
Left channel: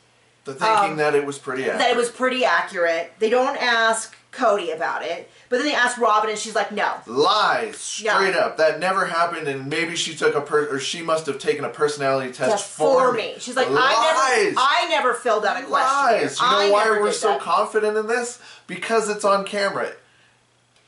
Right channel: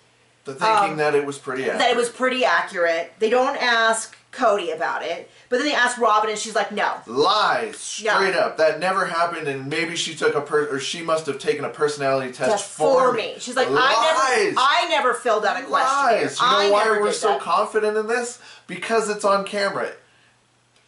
The thinking that it was pretty accurate. That it was pretty accurate. They don't ask Cody about it. But then they ask Robin, and she's like, no. Lies. Straight up. That never happened, and maybe she took or she must have taken a personality test for me. She's like, Lies. I never filled out a questionnaire. Lies. You know why we're so confident in this? Because it's on camera.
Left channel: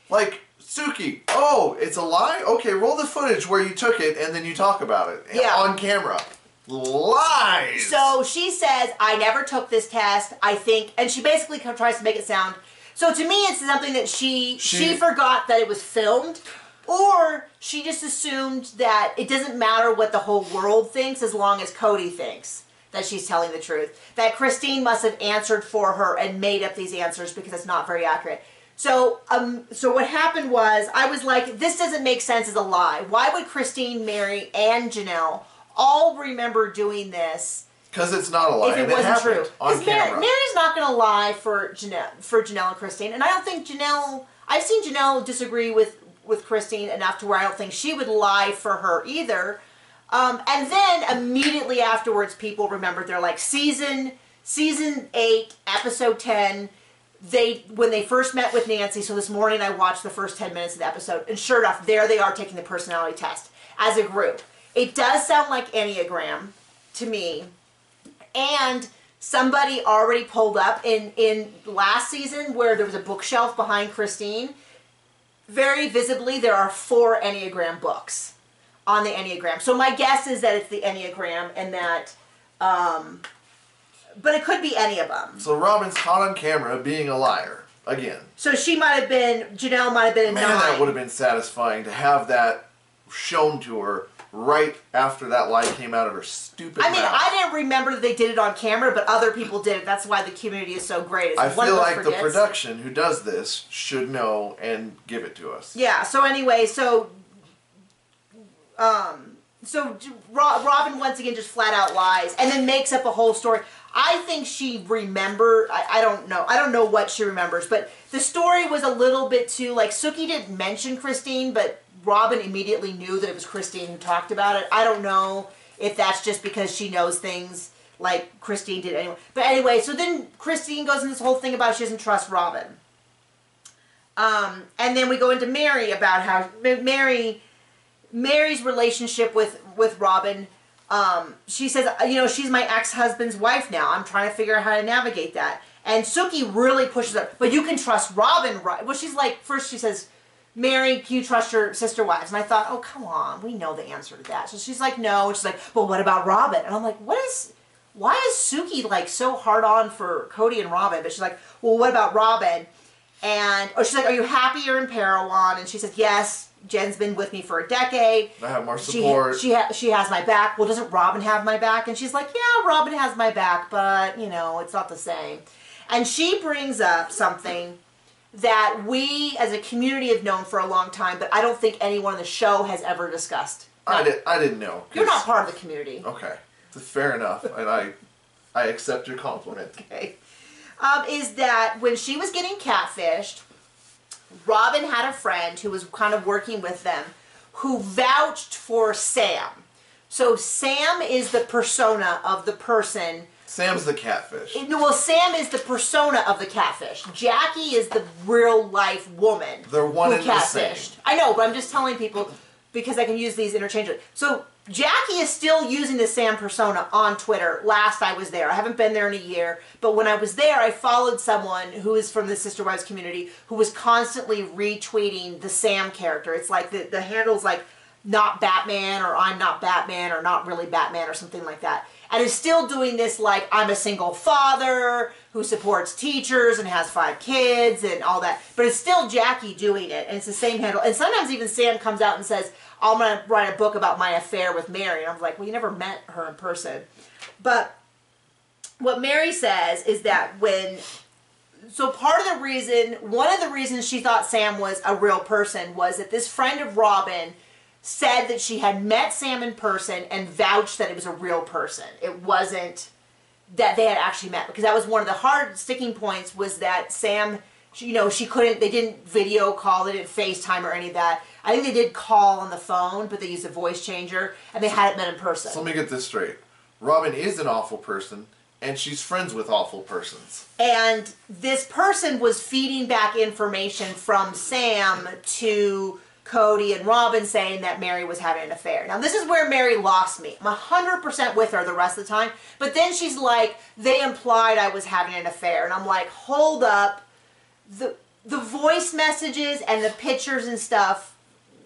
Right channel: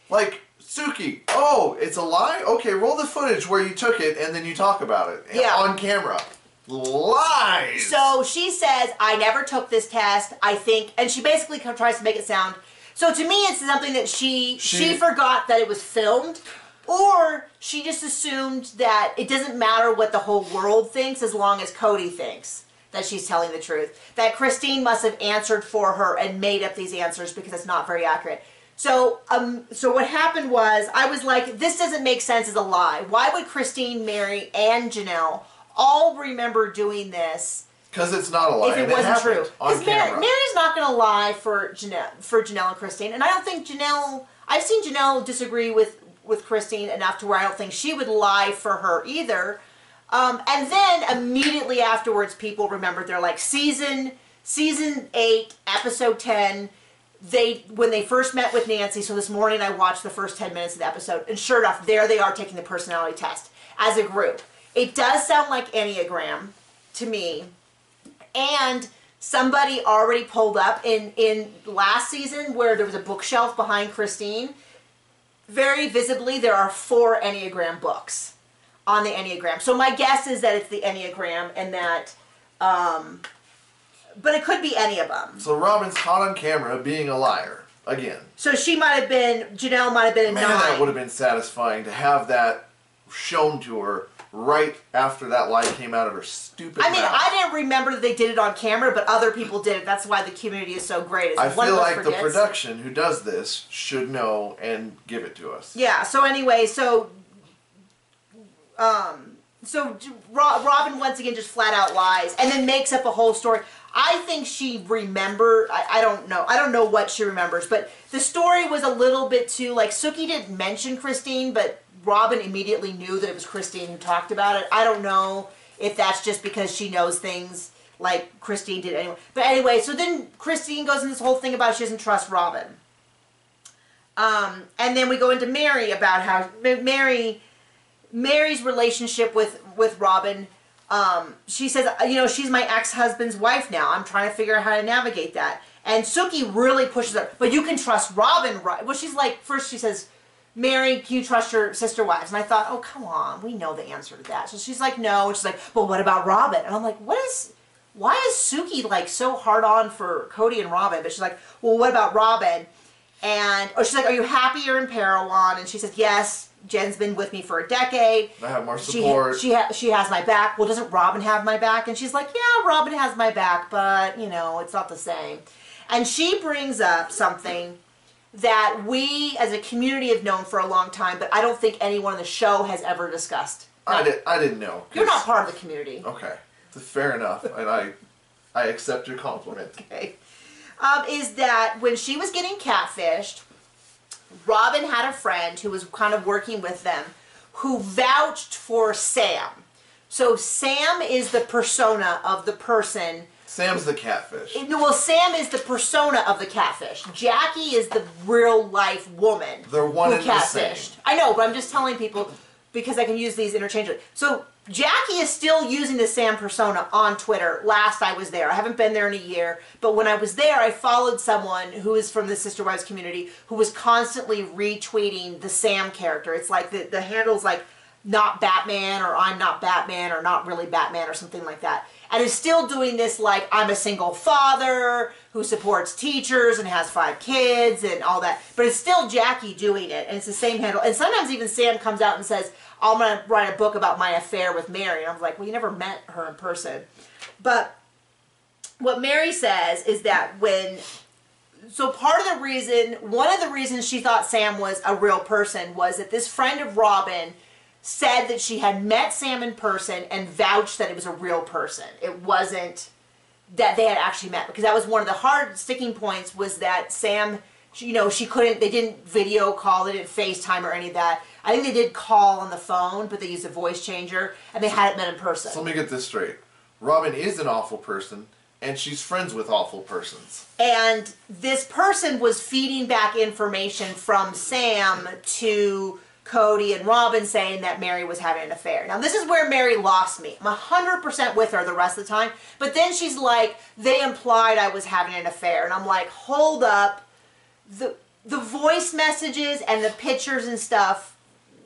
Like, Suki, oh, it's a lie? Okay, roll the footage where you took it, and then you talk about it on camera. Lies. So she says, I never took this test, I think, and she basically tries to make it sound... So to me, it's something that she forgot that it was filmed, or she just assumed that it doesn't matter what the whole world thinks as long as Cody thinks that she's telling the truth. That Christine must have answered for her and made up these answers because it's not very accurate. So what happened was, I was like, this doesn't make sense as a lie. Why would Christine, Mary, and Janelle all remember doing this? Because it's not a lie. If it wasn't true. On camera. Mary's not going to lie for Janelle and Christine. And I don't think I've seen Janelle disagree with Christine enough to where I don't think she would lie for her either. And then immediately afterwards, people remembered. They're like, season 8, episode 10, when they first met with Nancy. So this morning I watched the first 10 minutes of the episode. And sure enough, there they are taking the personality test as a group. It does sound like Enneagram to me. And somebody already pulled up in last season where there was a bookshelf behind Christine. very visibly, there are 4 Enneagram books on the Enneagram. So my guess is that it's the Enneagram and that, but it could be any of them. So Robin's caught on camera being a liar, again. So she might have been, Janelle might have been a 9. That would have been satisfying to have that shown to her right after that lie came out of her stupid mouth. I didn't remember that they did it on camera, but other people did it. That's why the community is so great. I feel like the production who does this should know and give it to us. Yeah, so anyway, Robin once again just flat out lies and then makes up a whole story. I think she remembered, I don't know. I don't know what she remembers, but the story was a little bit too, like, Sookie didn't mention Christine, but Robin immediately knew that it was Christine who talked about it. I don't know if that's just because she knows things like Christine did anyway. But anyway, so then Christine goes into this whole thing about she doesn't trust Robin. And then we go into Mary about how Mary's relationship with Robin. She says, she's my ex-husband's wife now. I'm trying to figure out how to navigate that. And Sookie really pushes her. But you can trust Robin, right? Well, she's like, first she says, Mary, can you trust your sister wives? And I thought, oh, come on. We know the answer to that. So she's like, no. And she's like, but what about Robin? And I'm like, why is Sookie like so hard on for Cody and Robin? But she's like, well, what about Robin? And, she's like, are you happy you're in Parowan? And she says, yes, Jen's been with me for a decade. I have more support. She has my back. Well, doesn't Robin have my back? And she's like, yeah, Robin has my back, but, it's not the same. And she brings up something that we as a community have known for a long time, but I don't think anyone on the show has ever discussed. No. I didn't know. You're not part of the community. Okay. Fair enough. And I accept your compliment. Okay. Is that when she was getting catfished, Robin had a friend who was kind of working with them who vouched for Sam. So Sam is the persona of the person. Sam's the catfish. Well, Sam is the persona of the catfish. Jackie is the real life woman. They're one and the same. I know, but I'm just telling people because I can use these interchangeably. So Jackie is still using the Sam persona on Twitter. Last I was there. I haven't been there in a year, but when I was there, I followed someone who is from the Sister Wives community who was constantly retweeting the Sam character. It's like the handle's like not Batman or I'm not Batman or not really Batman or something like that. And is still doing this like I'm a single father who supports teachers and has 5 kids and all that. But it's still Jackie doing it, and it's the same handle. And sometimes even Sam comes out and says, I'm going to write a book about my affair with Mary. And I'm like, well, you never met her in person. But what Mary says is that so part of the reason, one of the reasons she thought Sam was a real person was that this friend of Robin said that she had met Sam in person and vouched that it was a real person. It wasn't that they had actually met, because that was one of the hard sticking points was that Sam, she couldn't, they didn't video call, they didn't FaceTime or any of that. I think they did call on the phone, but they used a voice changer and they hadn't met in person. So let me get this straight. Robin is an awful person and she's friends with awful persons. And this person was feeding back information from Sam to Cody and Robin saying that Mary was having an affair. Now, this is where Mary lost me. I'm 100% with her the rest of the time. But then she's like, they implied I was having an affair. And I'm like, hold up. The voice messages and the pictures and stuff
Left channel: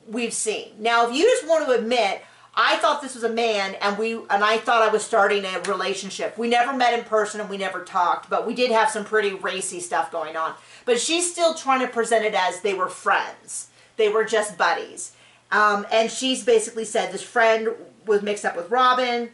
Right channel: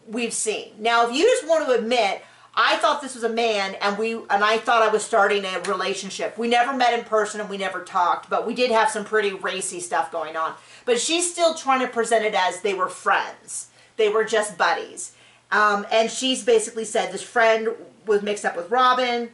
we've seen. Now, if you just want to admit, I thought this was a man and I thought I was starting a relationship. We never met in person and we never talked, but we did have some pretty racy stuff going on. But she's still trying to present it as they were friends. They were just buddies. And she's basically said this friend was mixed up with Robin.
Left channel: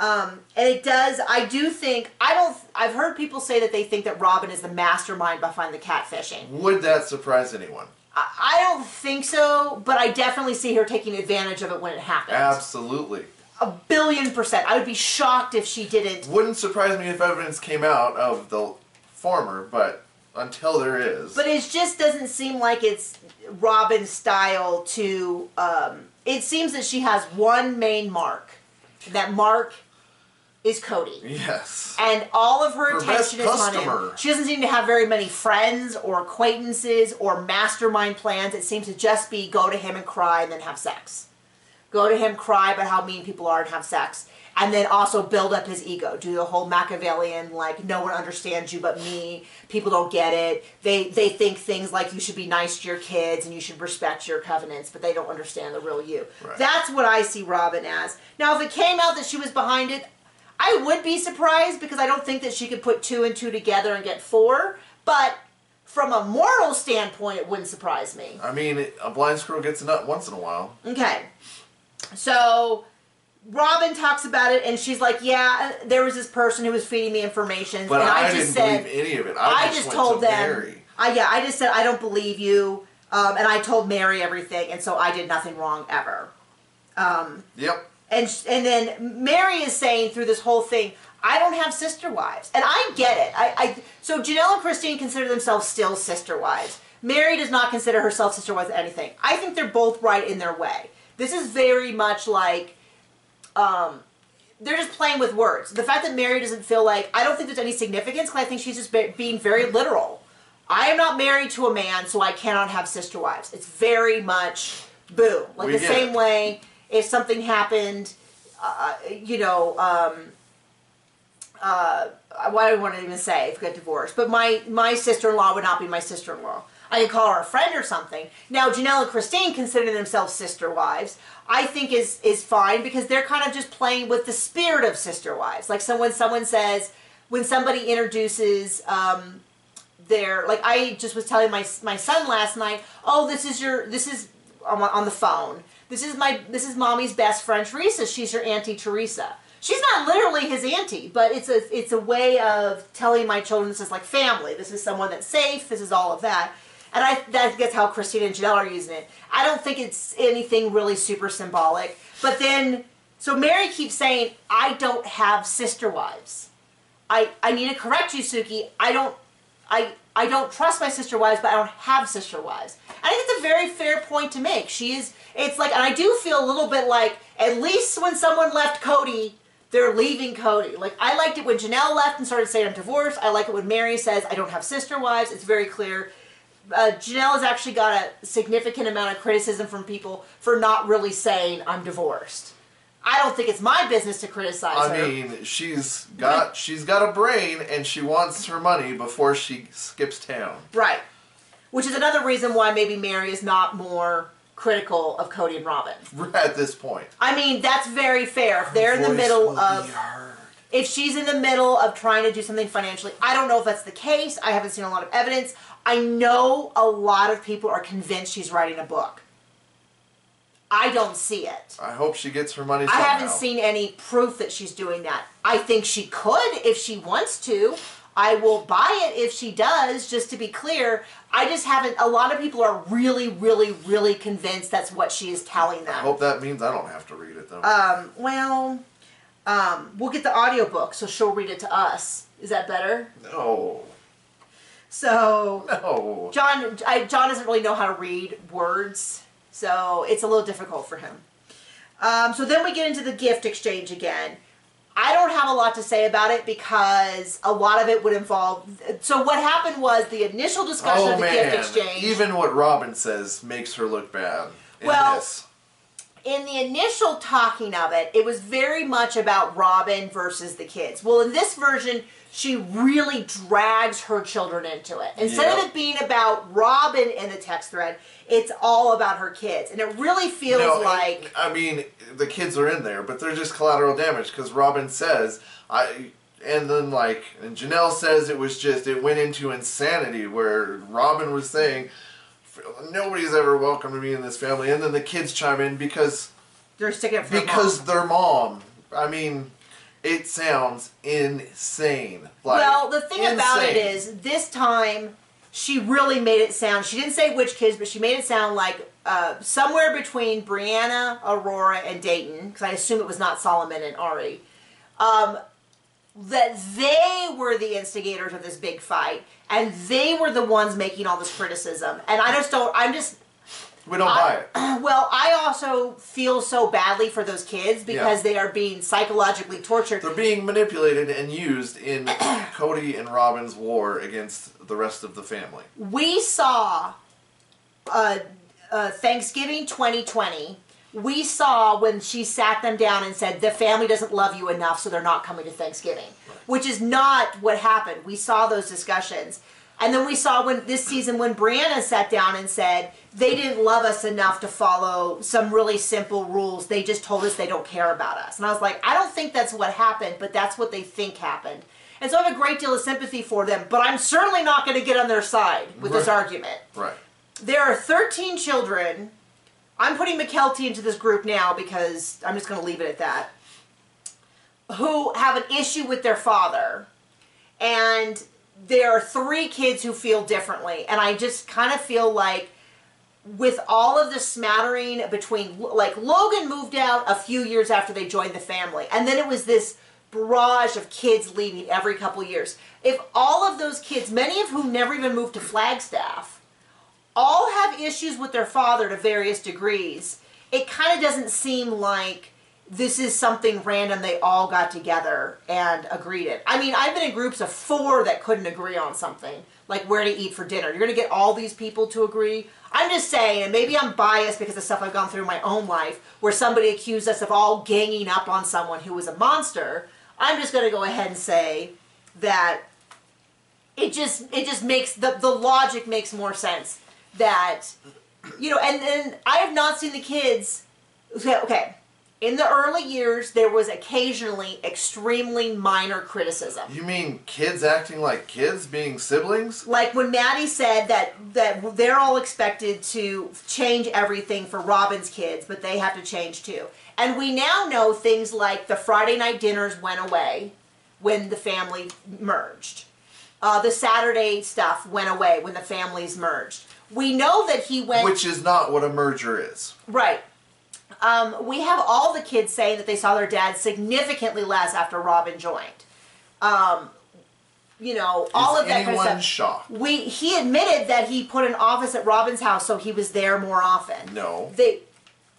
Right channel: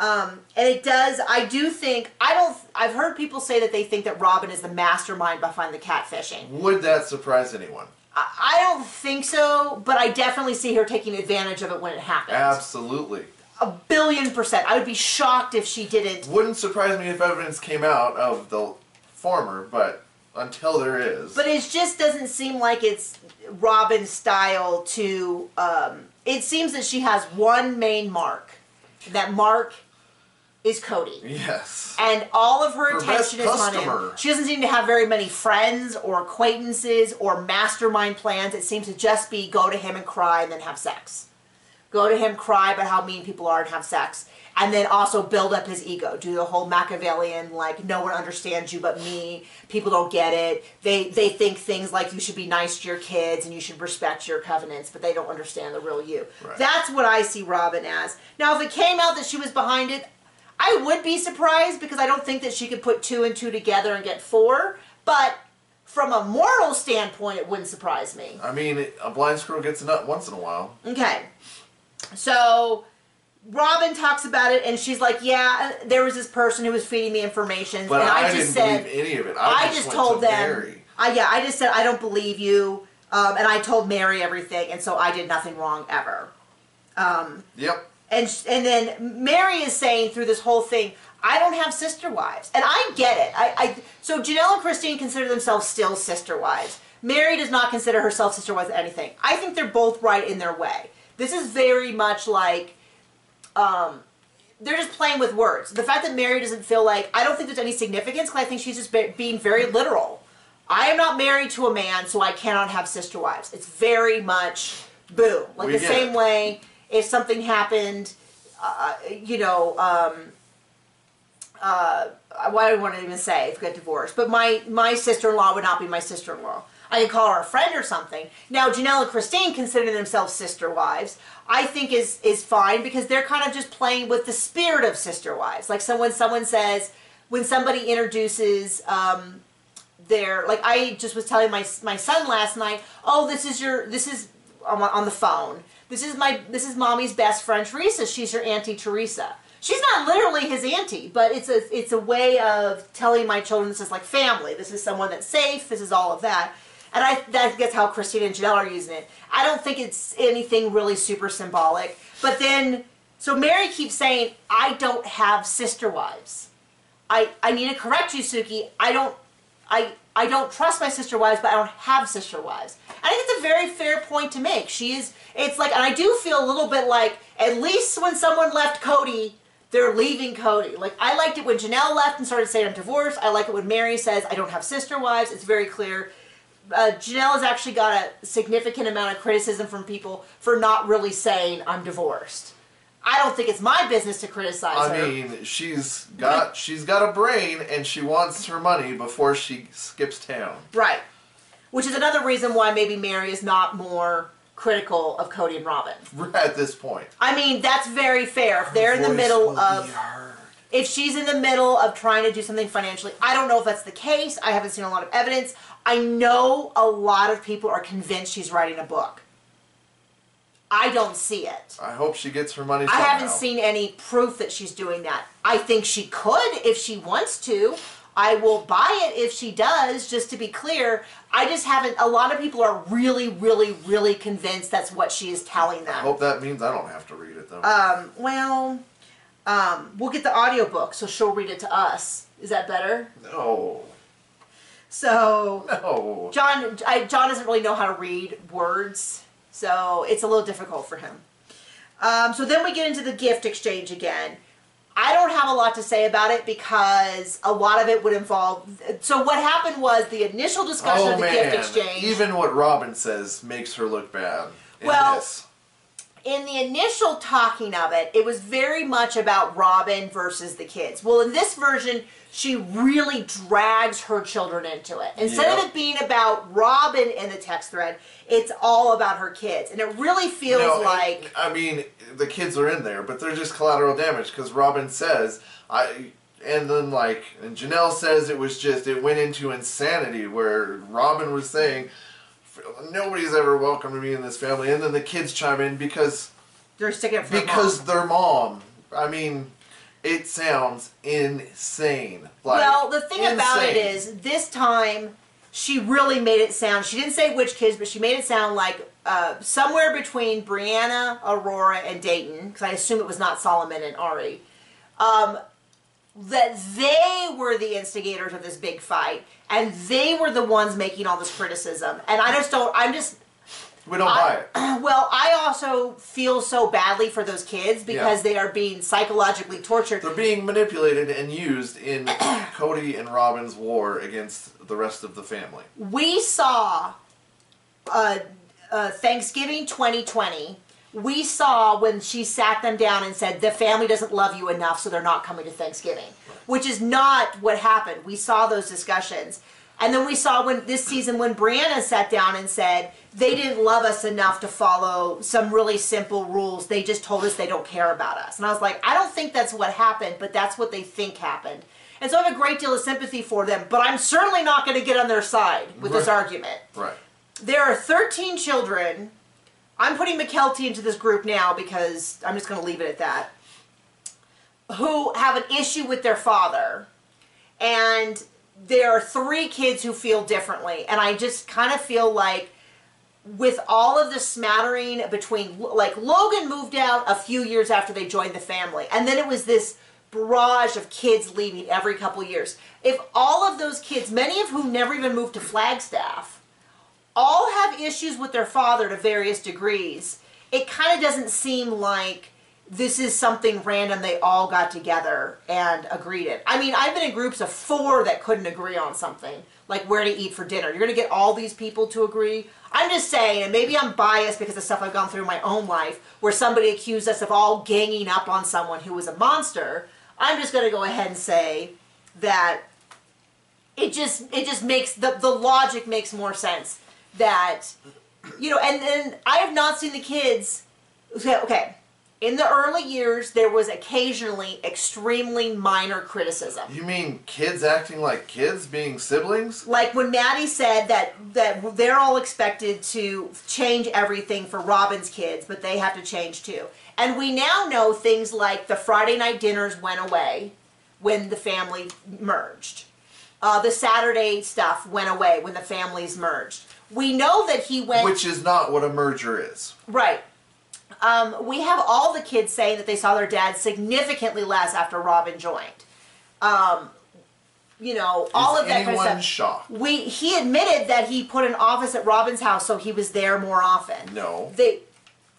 And it does, I do think, I've heard people say that they think that Robin is the mastermind behind the catfishing. Would that surprise anyone? I don't think so, but I definitely see her taking advantage of it when it happens. Absolutely. 1,000,000,000%. I would be shocked if she didn't. Wouldn't surprise me if evidence came out of the former, but until there is. But it just doesn't seem like it's Robin's style to, it seems that she has one main mark. That mark is Cody. Yes. And all of her attention is on customer. him. She doesn't seem to have very many friends or acquaintances or mastermind plans. It seems to just be go to him and cry and then have sex. go to him, cry about how mean people are and have sex. And then also build up his ego. Do the whole Machiavellian, like, no one understands you but me. People don't get it. They think things like you should be nice to your kids and you should respect your covenants, but they don't understand the real you. Right. That's what I see Robin as. Now, if it came out that she was behind it, I would be surprised because I don't think that she could put 2 and 2 together and get 4. But from a moral standpoint, it wouldn't surprise me. I mean, a blind squirrel gets a nut once in a while. Okay. So Robin talks about it, and she's like, yeah, there was this person who was feeding me information. But and I didn't believe any of it. I just told them, Mary. I just said, I don't believe you. And I told Mary everything, and so I did nothing wrong ever. Yep. And then Mary is saying through this whole thing, I don't have sister wives. And I get it. So Janelle and Christine consider themselves still sister wives. Mary does not consider herself sister wives anything. I think they're both right in their way. This is very much like, they're just playing with words. The fact that Mary doesn't feel like, I don't think there's any significance because I think she's just being very literal. I am not married to a man, so I cannot have sister wives. It's very much, boom. Like the same way if something happened, why do I want to even say if we get divorced? But my sister-in-law would not be my sister-in-law. I could call her a friend or something. Now, Janelle and Christine consider themselves sister wives. I think is fine because they're kind of just playing with the spirit of sister wives. Like someone says, when somebody introduces like I just was telling my son last night, oh, this is on the phone. This is mommy's best friend Teresa. She's your Auntie Teresa. She's not literally his auntie, but it's a way of telling my children this is like family. This is someone that's safe. This is all of that. And that's how Christine and Janelle are using it. I don't think it's anything really super symbolic. But then, so Mary keeps saying, I don't have sister wives. I need to correct you, Suki. I don't trust my sister wives, but I don't have sister wives. I think it's a very fair point to make. It's like, and I do feel a little bit like, at least when someone left Cody, they're leaving Cody. Like, I liked it when Janelle left and started saying I'm divorced. I like it when Mary says I don't have sister wives. It's very clear. Janelle has actually got a significant amount of criticism from people for not really saying I'm divorced. I don't think it's my business to criticize her. I mean, she's got a brain and she wants her money before she skips town. Right. Which is another reason why maybe Mary is not more critical of Cody and Robin. At this point. I mean, that's very fair. If they're in the middle of... If she's in the middle of trying to do something financially, I don't know if that's the case. I haven't seen a lot of evidence. I know a lot of people are convinced she's writing a book. I don't see it. I hope she gets her money somehow. I haven't seen any proof that she's doing that. I think she could if she wants to. I will buy it if she does, just to be clear. I just haven't... A lot of people are really, really, really convinced that's what she is telling them. I hope that means I don't have to read it, though. We'll get the audiobook, so she'll read it to us. Is that better? No. So... No. John doesn't really know how to read words, so it's a little difficult for him. So then we get into the gift exchange again. I don't have a lot to say about it because a lot of it would involve... So what happened was the initial discussion of the gift exchange... Even what Robin says makes her look bad in this. In the initial talking of it, it was very much about Robin versus the kids. Well, in this version, she really drags her children into it. Instead of it being about Robin in the text thread, it's all about her kids. And it really feels like... I mean, the kids are in there, but they're just collateral damage because Robin says... And then, and Janelle says it went into insanity where Robin was saying... Nobody's ever welcomed me in this family, and then the kids chime in because they're sticking up for their mom. I mean, it sounds insane. Well, the thing about it is, this time she really made it sound. She didn't say which kids, but she made it sound like somewhere between Brianna, Aurora, and Dayton, because I assume it was not Solomon and Ari. That they were the instigators of this big fight, and they were the ones making all this criticism. And we don't buy it. Well, I also feel so badly for those kids because they are being psychologically tortured. They're being manipulated and used in Cody and Robin's war against the rest of the family. We saw Thanksgiving 2020 we saw when she sat them down and said, the family doesn't love you enough, so they're not coming to Thanksgiving, which is not what happened. We saw those discussions. And then we saw this season when Brianna sat down and said, they didn't love us enough to follow some really simple rules. They just told us they don't care about us. And I was like, I don't think that's what happened, but that's what they think happened. And so I have a great deal of sympathy for them, but I'm certainly not going to get on their side with this argument. Right. There are 13 children. I'm putting McKelty into this group now because I'm just going to leave it at that, who have an issue with their father. And there are 3 kids who feel differently. And I just kind of feel like with all of the smattering between, like, Logan moved out a few years after they joined the family. And then it was this barrage of kids leaving every couple years. If all of those kids, many of whom never even moved to Flagstaff, all have issues with their father to various degrees, it kind of doesn't seem like this is something random they all got together and agreed it. I mean, I've been in groups of 4 that couldn't agree on something, like where to eat for dinner. You're going to get all these people to agree? I'm just saying, and maybe I'm biased because of stuff I've gone through in my own life, where somebody accused us of all ganging up on someone who was a monster. I'm just going to go ahead and say that it just makes, the logic makes more sense. That, you know, and then I have not seen the kids, okay, in the early years, there was occasionally extremely minor criticism. You mean kids acting like kids, being siblings? Like when Maddie said that they're all expected to change everything for Robin's kids, but they have to change too. And we now know things like the Friday night dinners went away when the family merged. The Saturday stuff went away when the families merged. We know that he went... Which is not what a merger is. Right. We have all the kids saying that they saw their dad significantly less after Robin joined. You know, all of that kind of stuff. Shocked? He admitted that he put an office at Robin's house so he was there more often. No. He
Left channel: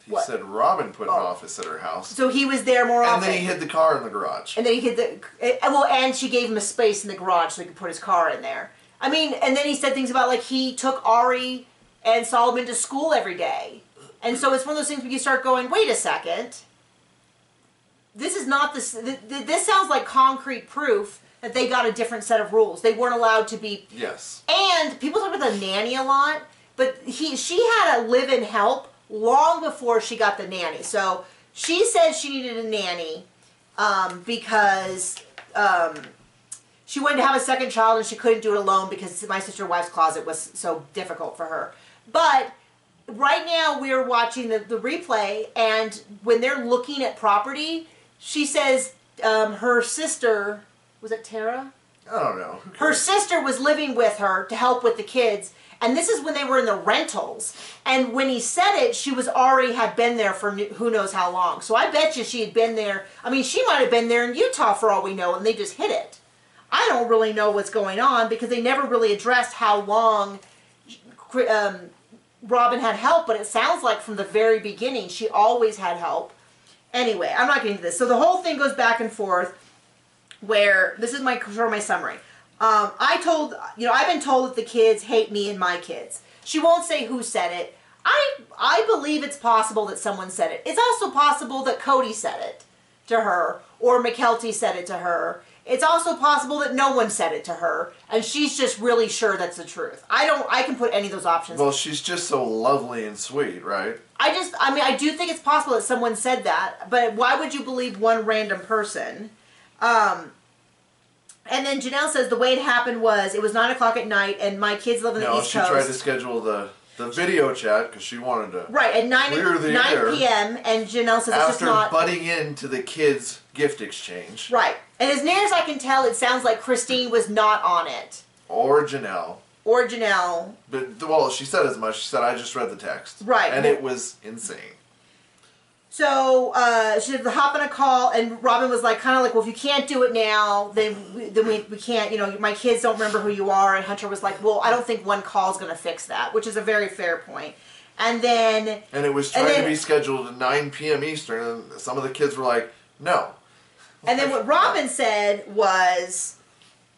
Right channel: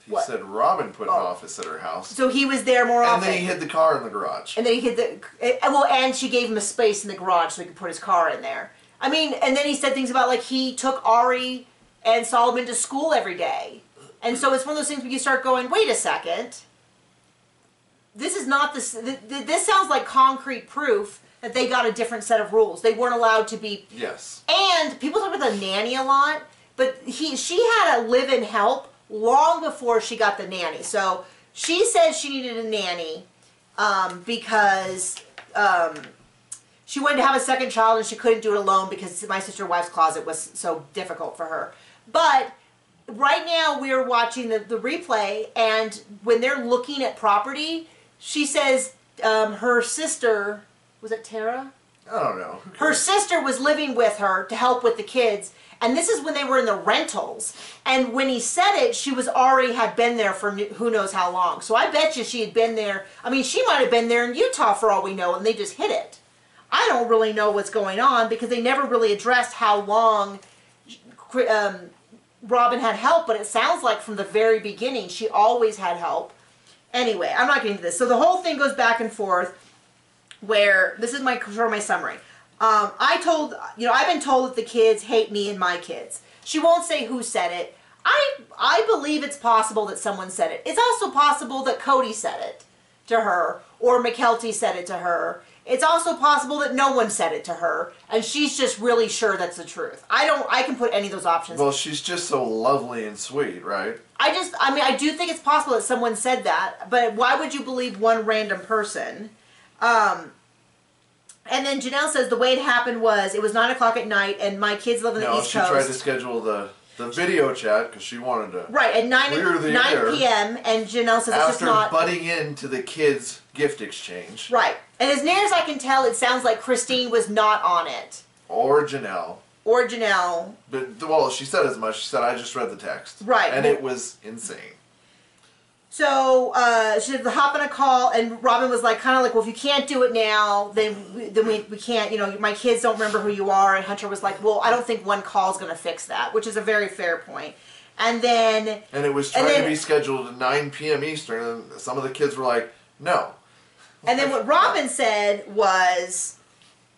what? said Robin put an office at her house. So he was there more often. And then he hid the car in the garage. And then he hid and she gave him a space in the garage so he could put his car in there. I mean, and then he said things about, like, he took Ari and Solomon to school every day. And so it's one of those things where you start going, wait a second. This is not this. This sounds like concrete proof that they got a different set of rules. They weren't allowed to be. Yes. And people talk about the nanny a lot, but she had a live-in help long before she got the nanny. So she said she needed a nanny because she wanted to have a second child and she couldn't do it alone because my sister's wife's closet was so difficult for her. But right now we're watching the replay, and when they're looking at property, she says her sister, was it Tara? I don't know. Her sister was living with her to help with the kids, and this is when they were in the rentals. And when he said it, she was already had been there for who knows how long. So I bet you she had been there. I mean, she might have been there in Utah for all we know, and they just hid it. I don't really know what's going on because they never really addressed how long Robin had help, but it sounds like from the very beginning she always had help. Anyway, I'm not getting into this. So the whole thing goes back and forth where, this is my summary. I've been told that the kids hate me and my kids. She won't say who said it. I believe it's possible that someone said it. It's also possible that Cody said it to her, or McKelty said it to her. It's also possible that no one said it to her, and she's just really sure that's the truth. I can put any of those options. Well, she's just so lovely and sweet, right? I do think it's possible that someone said that, but why would you believe one random person? And then Janelle says the way it happened was, it was 9 o'clock at night, and my kids live on the East Coast. No, she tried to schedule the video chat because she wanted to at 9 p.m. and Janelle says it's just not... After butting into the kids' gift exchange. Right. And as near as I can tell, it sounds like Christine was not on it. Or Janelle. But, well, she said as much. She said, I just read the text. Right. And it was insane. So she had to hop on a call, and Robin was like, kind of like, well, if you can't do it now, then we can't, you know, my kids don't remember who you are. And Hunter was like, well, I don't think one call is going to fix that, which is a very fair point. And then... And it was trying to be scheduled at 9 p.m. Eastern, and some of the kids were like, no. And then what Robin said was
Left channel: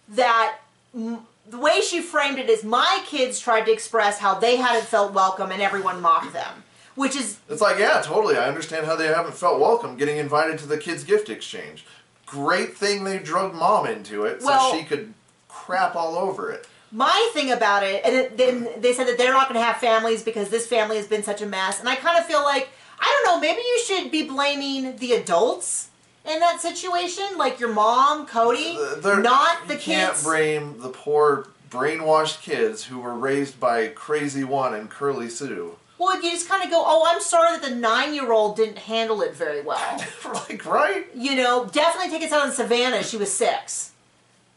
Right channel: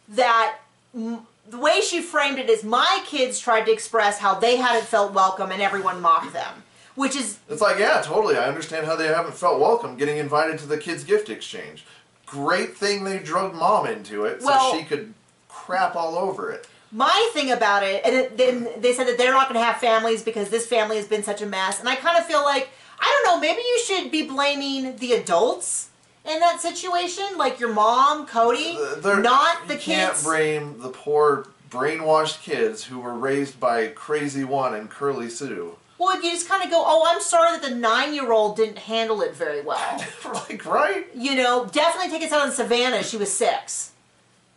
that the way she framed it is, my kids tried to express how they hadn't felt welcome and everyone mocked them. Which is... It's like, yeah, totally. I understand how they haven't felt welcome getting invited to the kids' gift exchange. Great thing they drugged Mom into it so she could crap all over it. My thing about it, and then they said that they're not going to have families because this family has been such a mess. And I kind of feel like, I don't know, maybe you should be blaming the adults in that situation, like your mom, Cody, not the kids. You can't blame the poor brainwashed kids who were raised by Crazy One and Curly Sue. Well, you just kind of go, oh, I'm sorry that the 9-year-old didn't handle it very well. Like, right? You know, definitely take us out on Savannah. She was 6.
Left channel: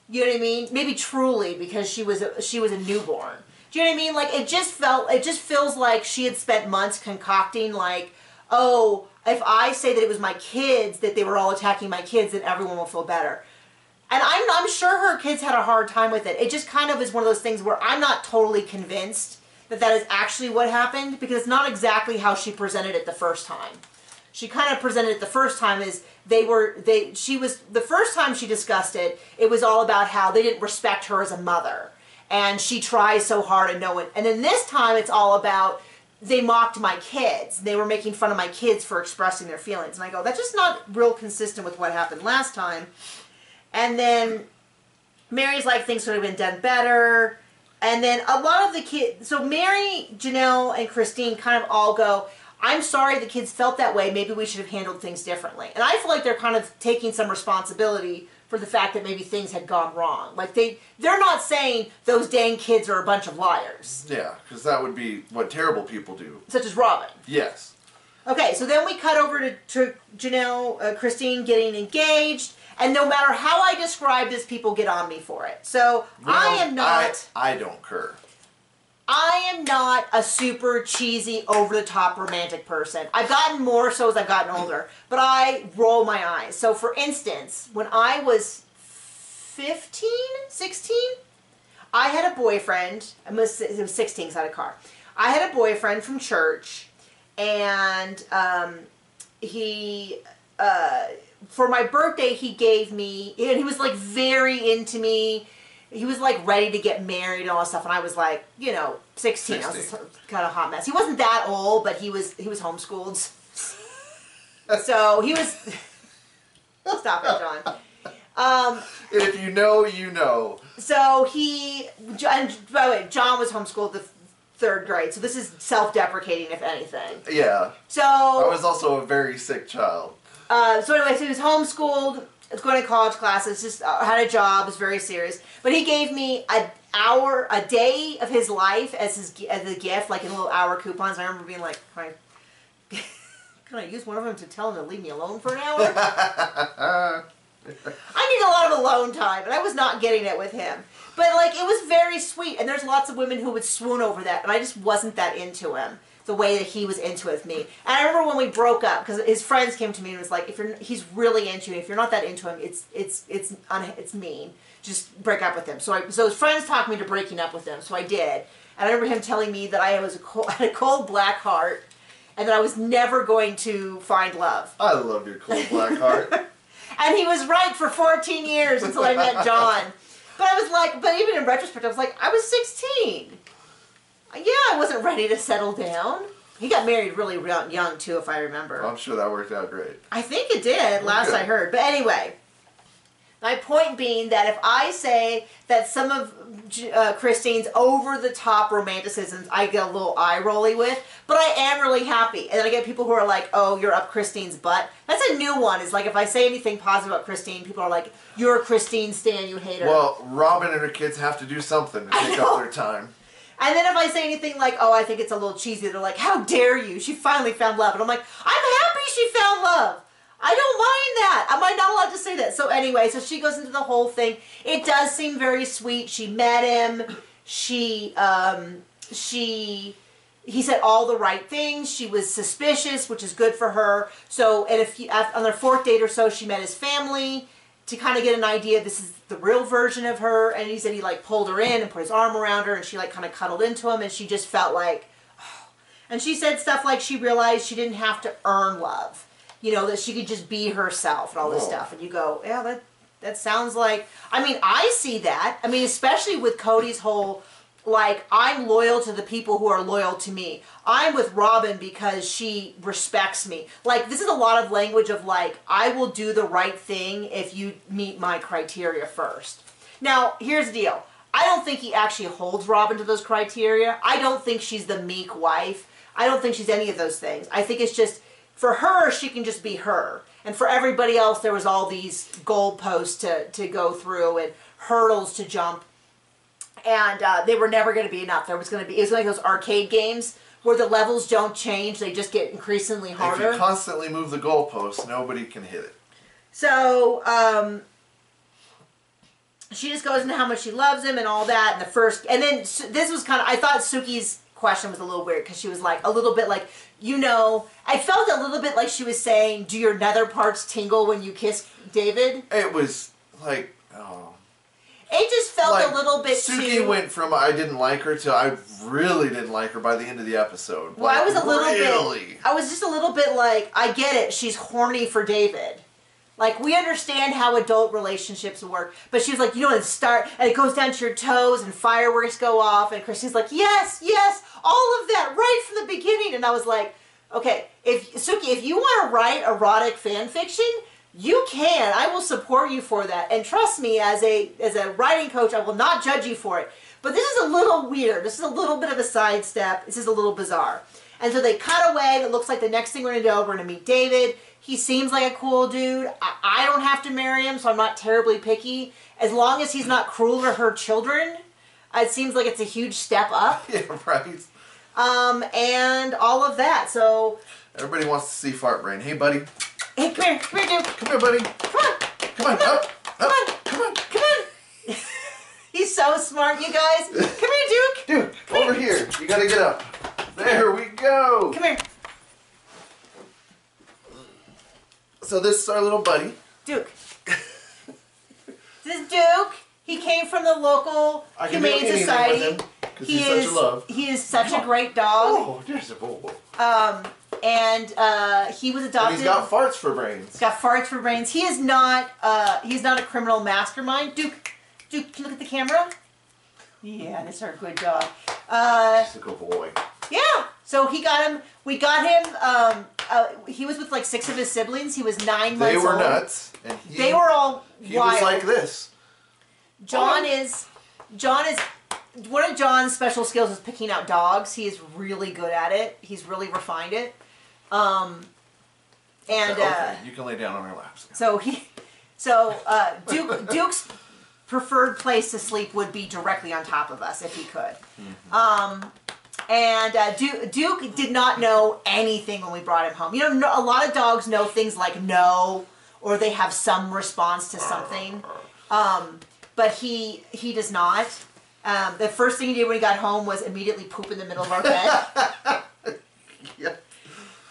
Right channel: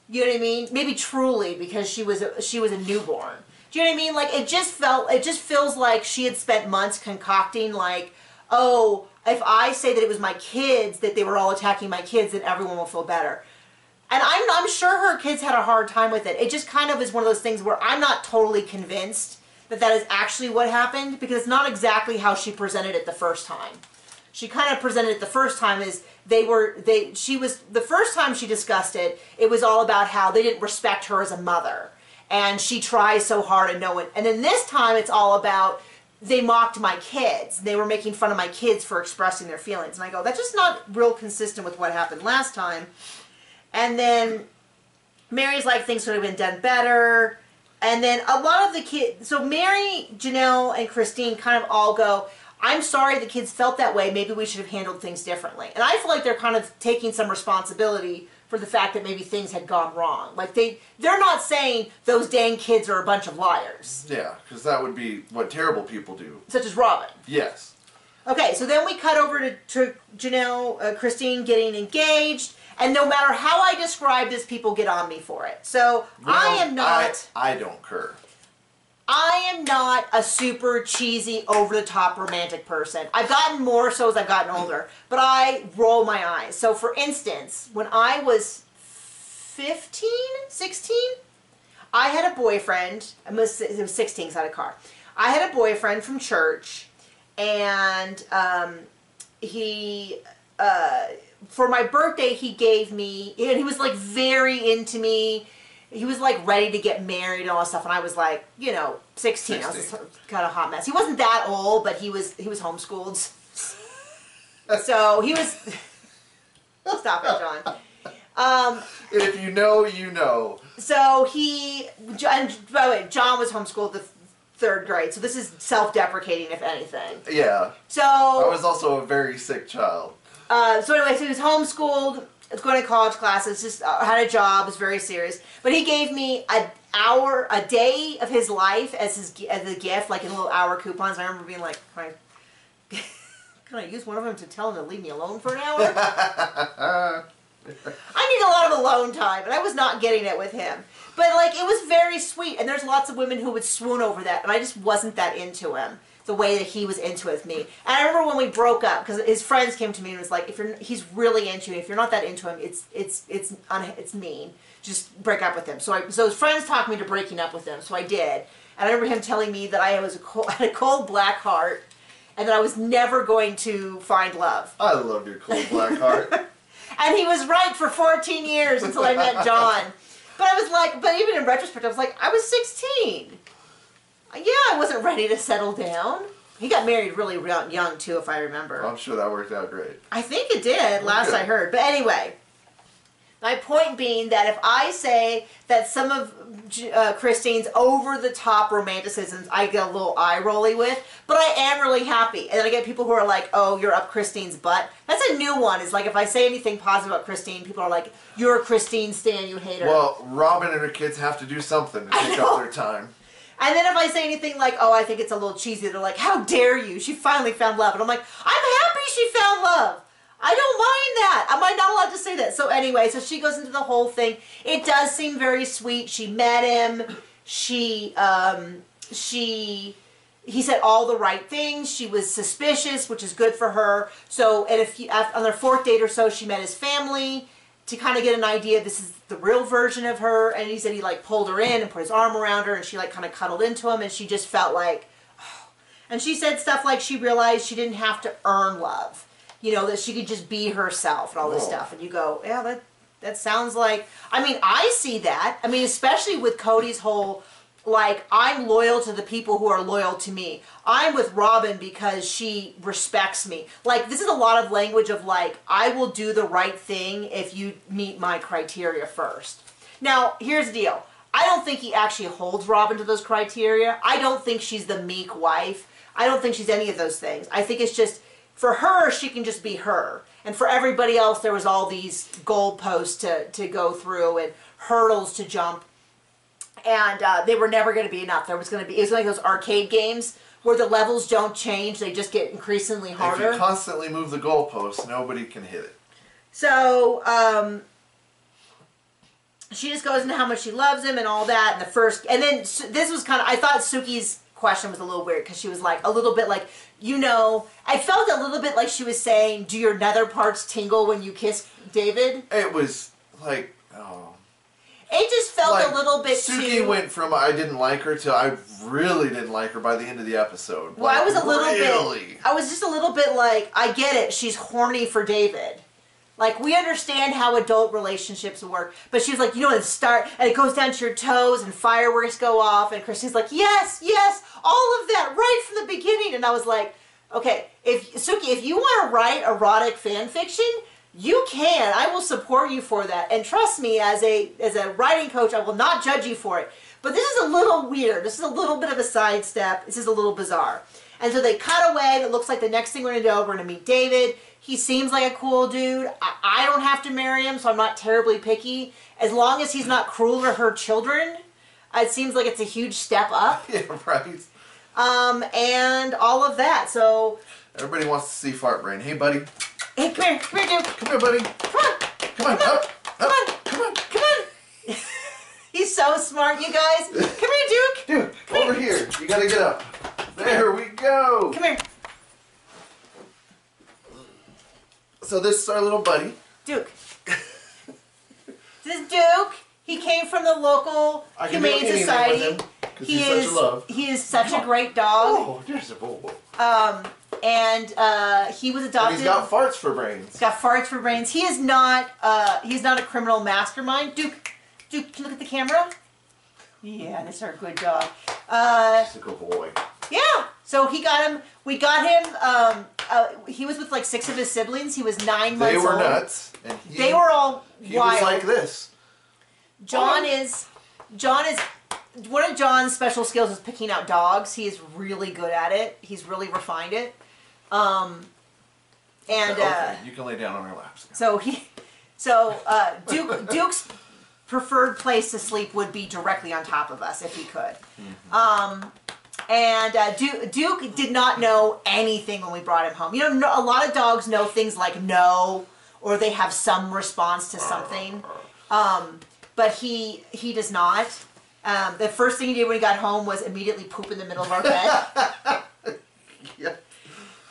You know what I mean? Maybe Truly, because she was a newborn. Do you know what I mean? Like, it just feels like she had spent months concocting, like, oh, if I say that it was my kids, that they were all attacking my kids, then everyone will feel better. And I'm sure her kids had a hard time with it. It just kind of is one of those things where I'm not totally convinced that that is actually what happened, because it's not exactly how she presented it the first time. She kind of presented it the first time as the first time she discussed it, it was all about how they didn't respect her as a mother. And she tries so hard and no one, and then this time it's all about, they mocked my kids. They were making fun of my kids for expressing their feelings. And I go, that's just not real consistent with what happened last time. And then Mary's like, things could have been done better. And then a lot of the kids, so Mary, Janelle, and Christine kind of all go, I'm sorry the kids felt that way. Maybe we should have handled things differently. And I feel like they're kind of taking some responsibility for the fact that maybe things had gone wrong. Like they're not saying those dang kids are a bunch of liars. Yeah, because that would be what terrible people do. Such as Robin. Yes. Okay, so then we cut over to Janelle, Christine getting engaged. And no matter how I describe this, people get on me for it. So well, I am not... I don't care. I am not a super cheesy, over-the-top romantic person. I've gotten more so as I've gotten older. But I roll my eyes. So for instance, when I was 15, 16, I had a boyfriend. It was 16 because I had a car. I had a boyfriend from church. And he... for my birthday, he gave me, and he was like very into me. He was like ready to get married and all that stuff. And I was like, you know, 16. I was kind of a hot mess. He wasn't that old, but he was homeschooled. So he was, stop it, John. If you know, you know. So and by the way, John was homeschooled the 3rd grade. So this is self-deprecating, if anything. Yeah. So. I was also a very sick child. So anyway, so he was homeschooled, was going to college classes, just had a job, was very serious. But he gave me a day of his life as a gift, like in little hour coupons. I remember being like, can I use one of them to tell him to leave me alone for an hour? I need a lot of alone time, and I was not getting it with him. But like, it was very sweet, and there's lots of women who would swoon over that, and I just wasn't that into him. The way that he was into it with me. And I remember when we broke up, because his friends came to me and was like, he's really into you. If you're not that into him, it's mean. Just break up with him. So his friends talked me to breaking up with him. So I did. And I remember him telling me that I had a cold black heart, and that I was never going to find love. I love your cold black heart. And he was right for 14 years until I met John. But I was like, but even in retrospect, I was like, I was 16. Yeah, I wasn't ready to settle down. He got married really young, too, if I remember. I'm sure that worked out great. I think it did, last I heard. But anyway, my point being that if I say that some of Christine's over-the-top romanticisms I get a little eye-rolly with, but I am really happy. And then I get people who are like, oh, you're up Christine's butt. That's a new one. It's like if I say anything positive about Christine, people are like, you're a Christine stan, you hate her. Well, Robin and her kids have to do something to take up their time. And then if I say anything like, oh, I think it's a little cheesy, they're like, how dare you? She finally found love. And I'm like, I'm happy she found love. I don't mind that. Am I not allowed to say that? So anyway, so she goes into the whole thing. It does seem very sweet. She met him. He said all the right things. She was suspicious, which is good for her. So on their 4th date or so, she met his family to kind of get an idea this is the real version of her. And he said he like pulled her in and put his arm around her, and she like kind of cuddled into him, and she just felt like, oh. And she said stuff like she realized she didn't have to earn love. You know, that she could just be herself and all this stuff. And you go, yeah, that sounds like, I mean, I see that. I mean, especially with Cody's whole like, I'm loyal to the people who are loyal to me. I'm with Robin because she respects me. Like, this is a lot of language of, like, I will do the right thing if you meet my criteria first. Now, here's the deal. I don't think he actually holds Robin to those criteria. I don't think she's the meek wife. I don't think she's any of those things. I think it's just, for her, she can just be her. And for everybody else, there was all these goalposts to go through and hurdles to jump. And they were never going to be enough. It was like those arcade games where the levels don't change. They just get increasingly harder. If you constantly move the goalposts, nobody can hit it. So, she just goes into how much she loves him and all that. And then this was kind of, I thought Suki's question was a little weird because she was like, a little bit like, you know, I felt a little bit like she was saying, do your nether parts tingle when you kiss David? It was like, oh. It just felt like, a little bit Suki went from I didn't like her to I really didn't like her by the end of the episode. Well, like, I was a little bit, I was just a little bit like, I get it, she's horny for David. Like, we understand how adult relationships work. But she was like, you know, and it goes down to your toes, and fireworks go off, and Christine's like, yes, yes, all of that, right from the beginning. And I was like, okay, Suki, if you want to write erotic fan fiction, you can. I will support you for that. And trust me, as a writing coach, I will not judge you for it. But this is a little weird. This is a little bit of a sidestep. This is a little bizarre. And so they cut away. It looks like the next thing we're going to do, we're going to meet David. He seems like a cool dude. I don't have to marry him, so I'm not terribly picky. As long as he's not cruel to her children, it seems like it's a huge step up. Yeah, right. And all of that. So everybody wants to see Fart Brain. Hey, buddy. Hey, come here, dude. Come here, buddy. Come on. Come on, up. Come on. He's so smart, you guys. Come here, Duke. Duke, over here. You gotta get up. There we go. Come here. So this is our little buddy. Duke. This is Duke. He came from the local Humane Society. He is such a great dog. Oh, there's a boy. And he was adopted. And he's got farts for brains. He's got farts for brains. He is not. He's not a criminal mastermind. Duke, can you look at the camera? Yeah, that's our good dog. He's a good boy. Yeah. So he got him. We got him. He was with like 6 of his siblings. He was 9 months old. They were nuts. And they were all wild. He was like this. John is. One of John's special skills is picking out dogs. He is really good at it. He's really refined it. Okay, you can lay down on our laps. Duke's preferred place to sleep would be directly on top of us if he could. Mm-hmm. Duke did not know anything when we brought him home. You know, a lot of dogs know things like no, or they have some response to something. But he does not. The first thing he did when he got home was immediately poop in the middle of our bed. Yeah.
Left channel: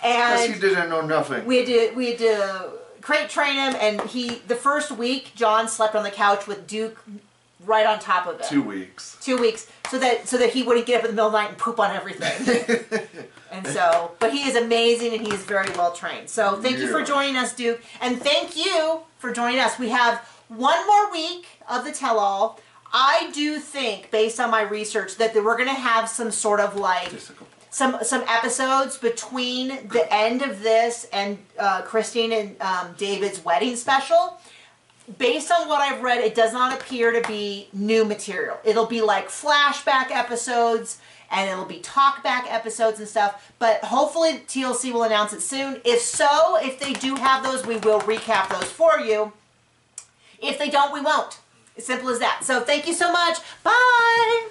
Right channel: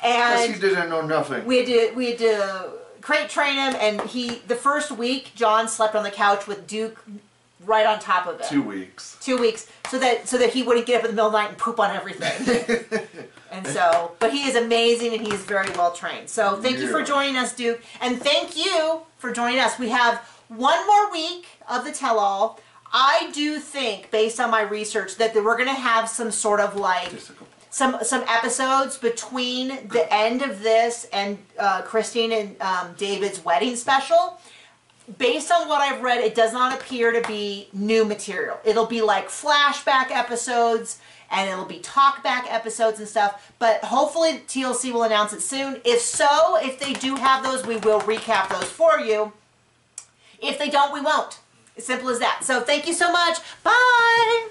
And because he didn't know nothing. We had to crate train him, and the first week John slept on the couch with Duke right on top of it. 2 weeks. 2 weeks, so that he wouldn't get up in the middle of the night and poop on everything. And so, but he is amazing, and he is very well trained. So thank you for joining us, Duke, and thank you for joining us. We have one more week of the tell-all. I do think, based on my research, that we're going to have some sort of like some episodes between the end of this and Christine and David's wedding special. Based on what I've read, it does not appear to be new material. It'll be like flashback episodes, and it'll be talkback episodes and stuff. But hopefully TLC will announce it soon. If so, if they do have those, we will recap those for you. If they don't, we won't. As simple as that. So thank you so much. Bye.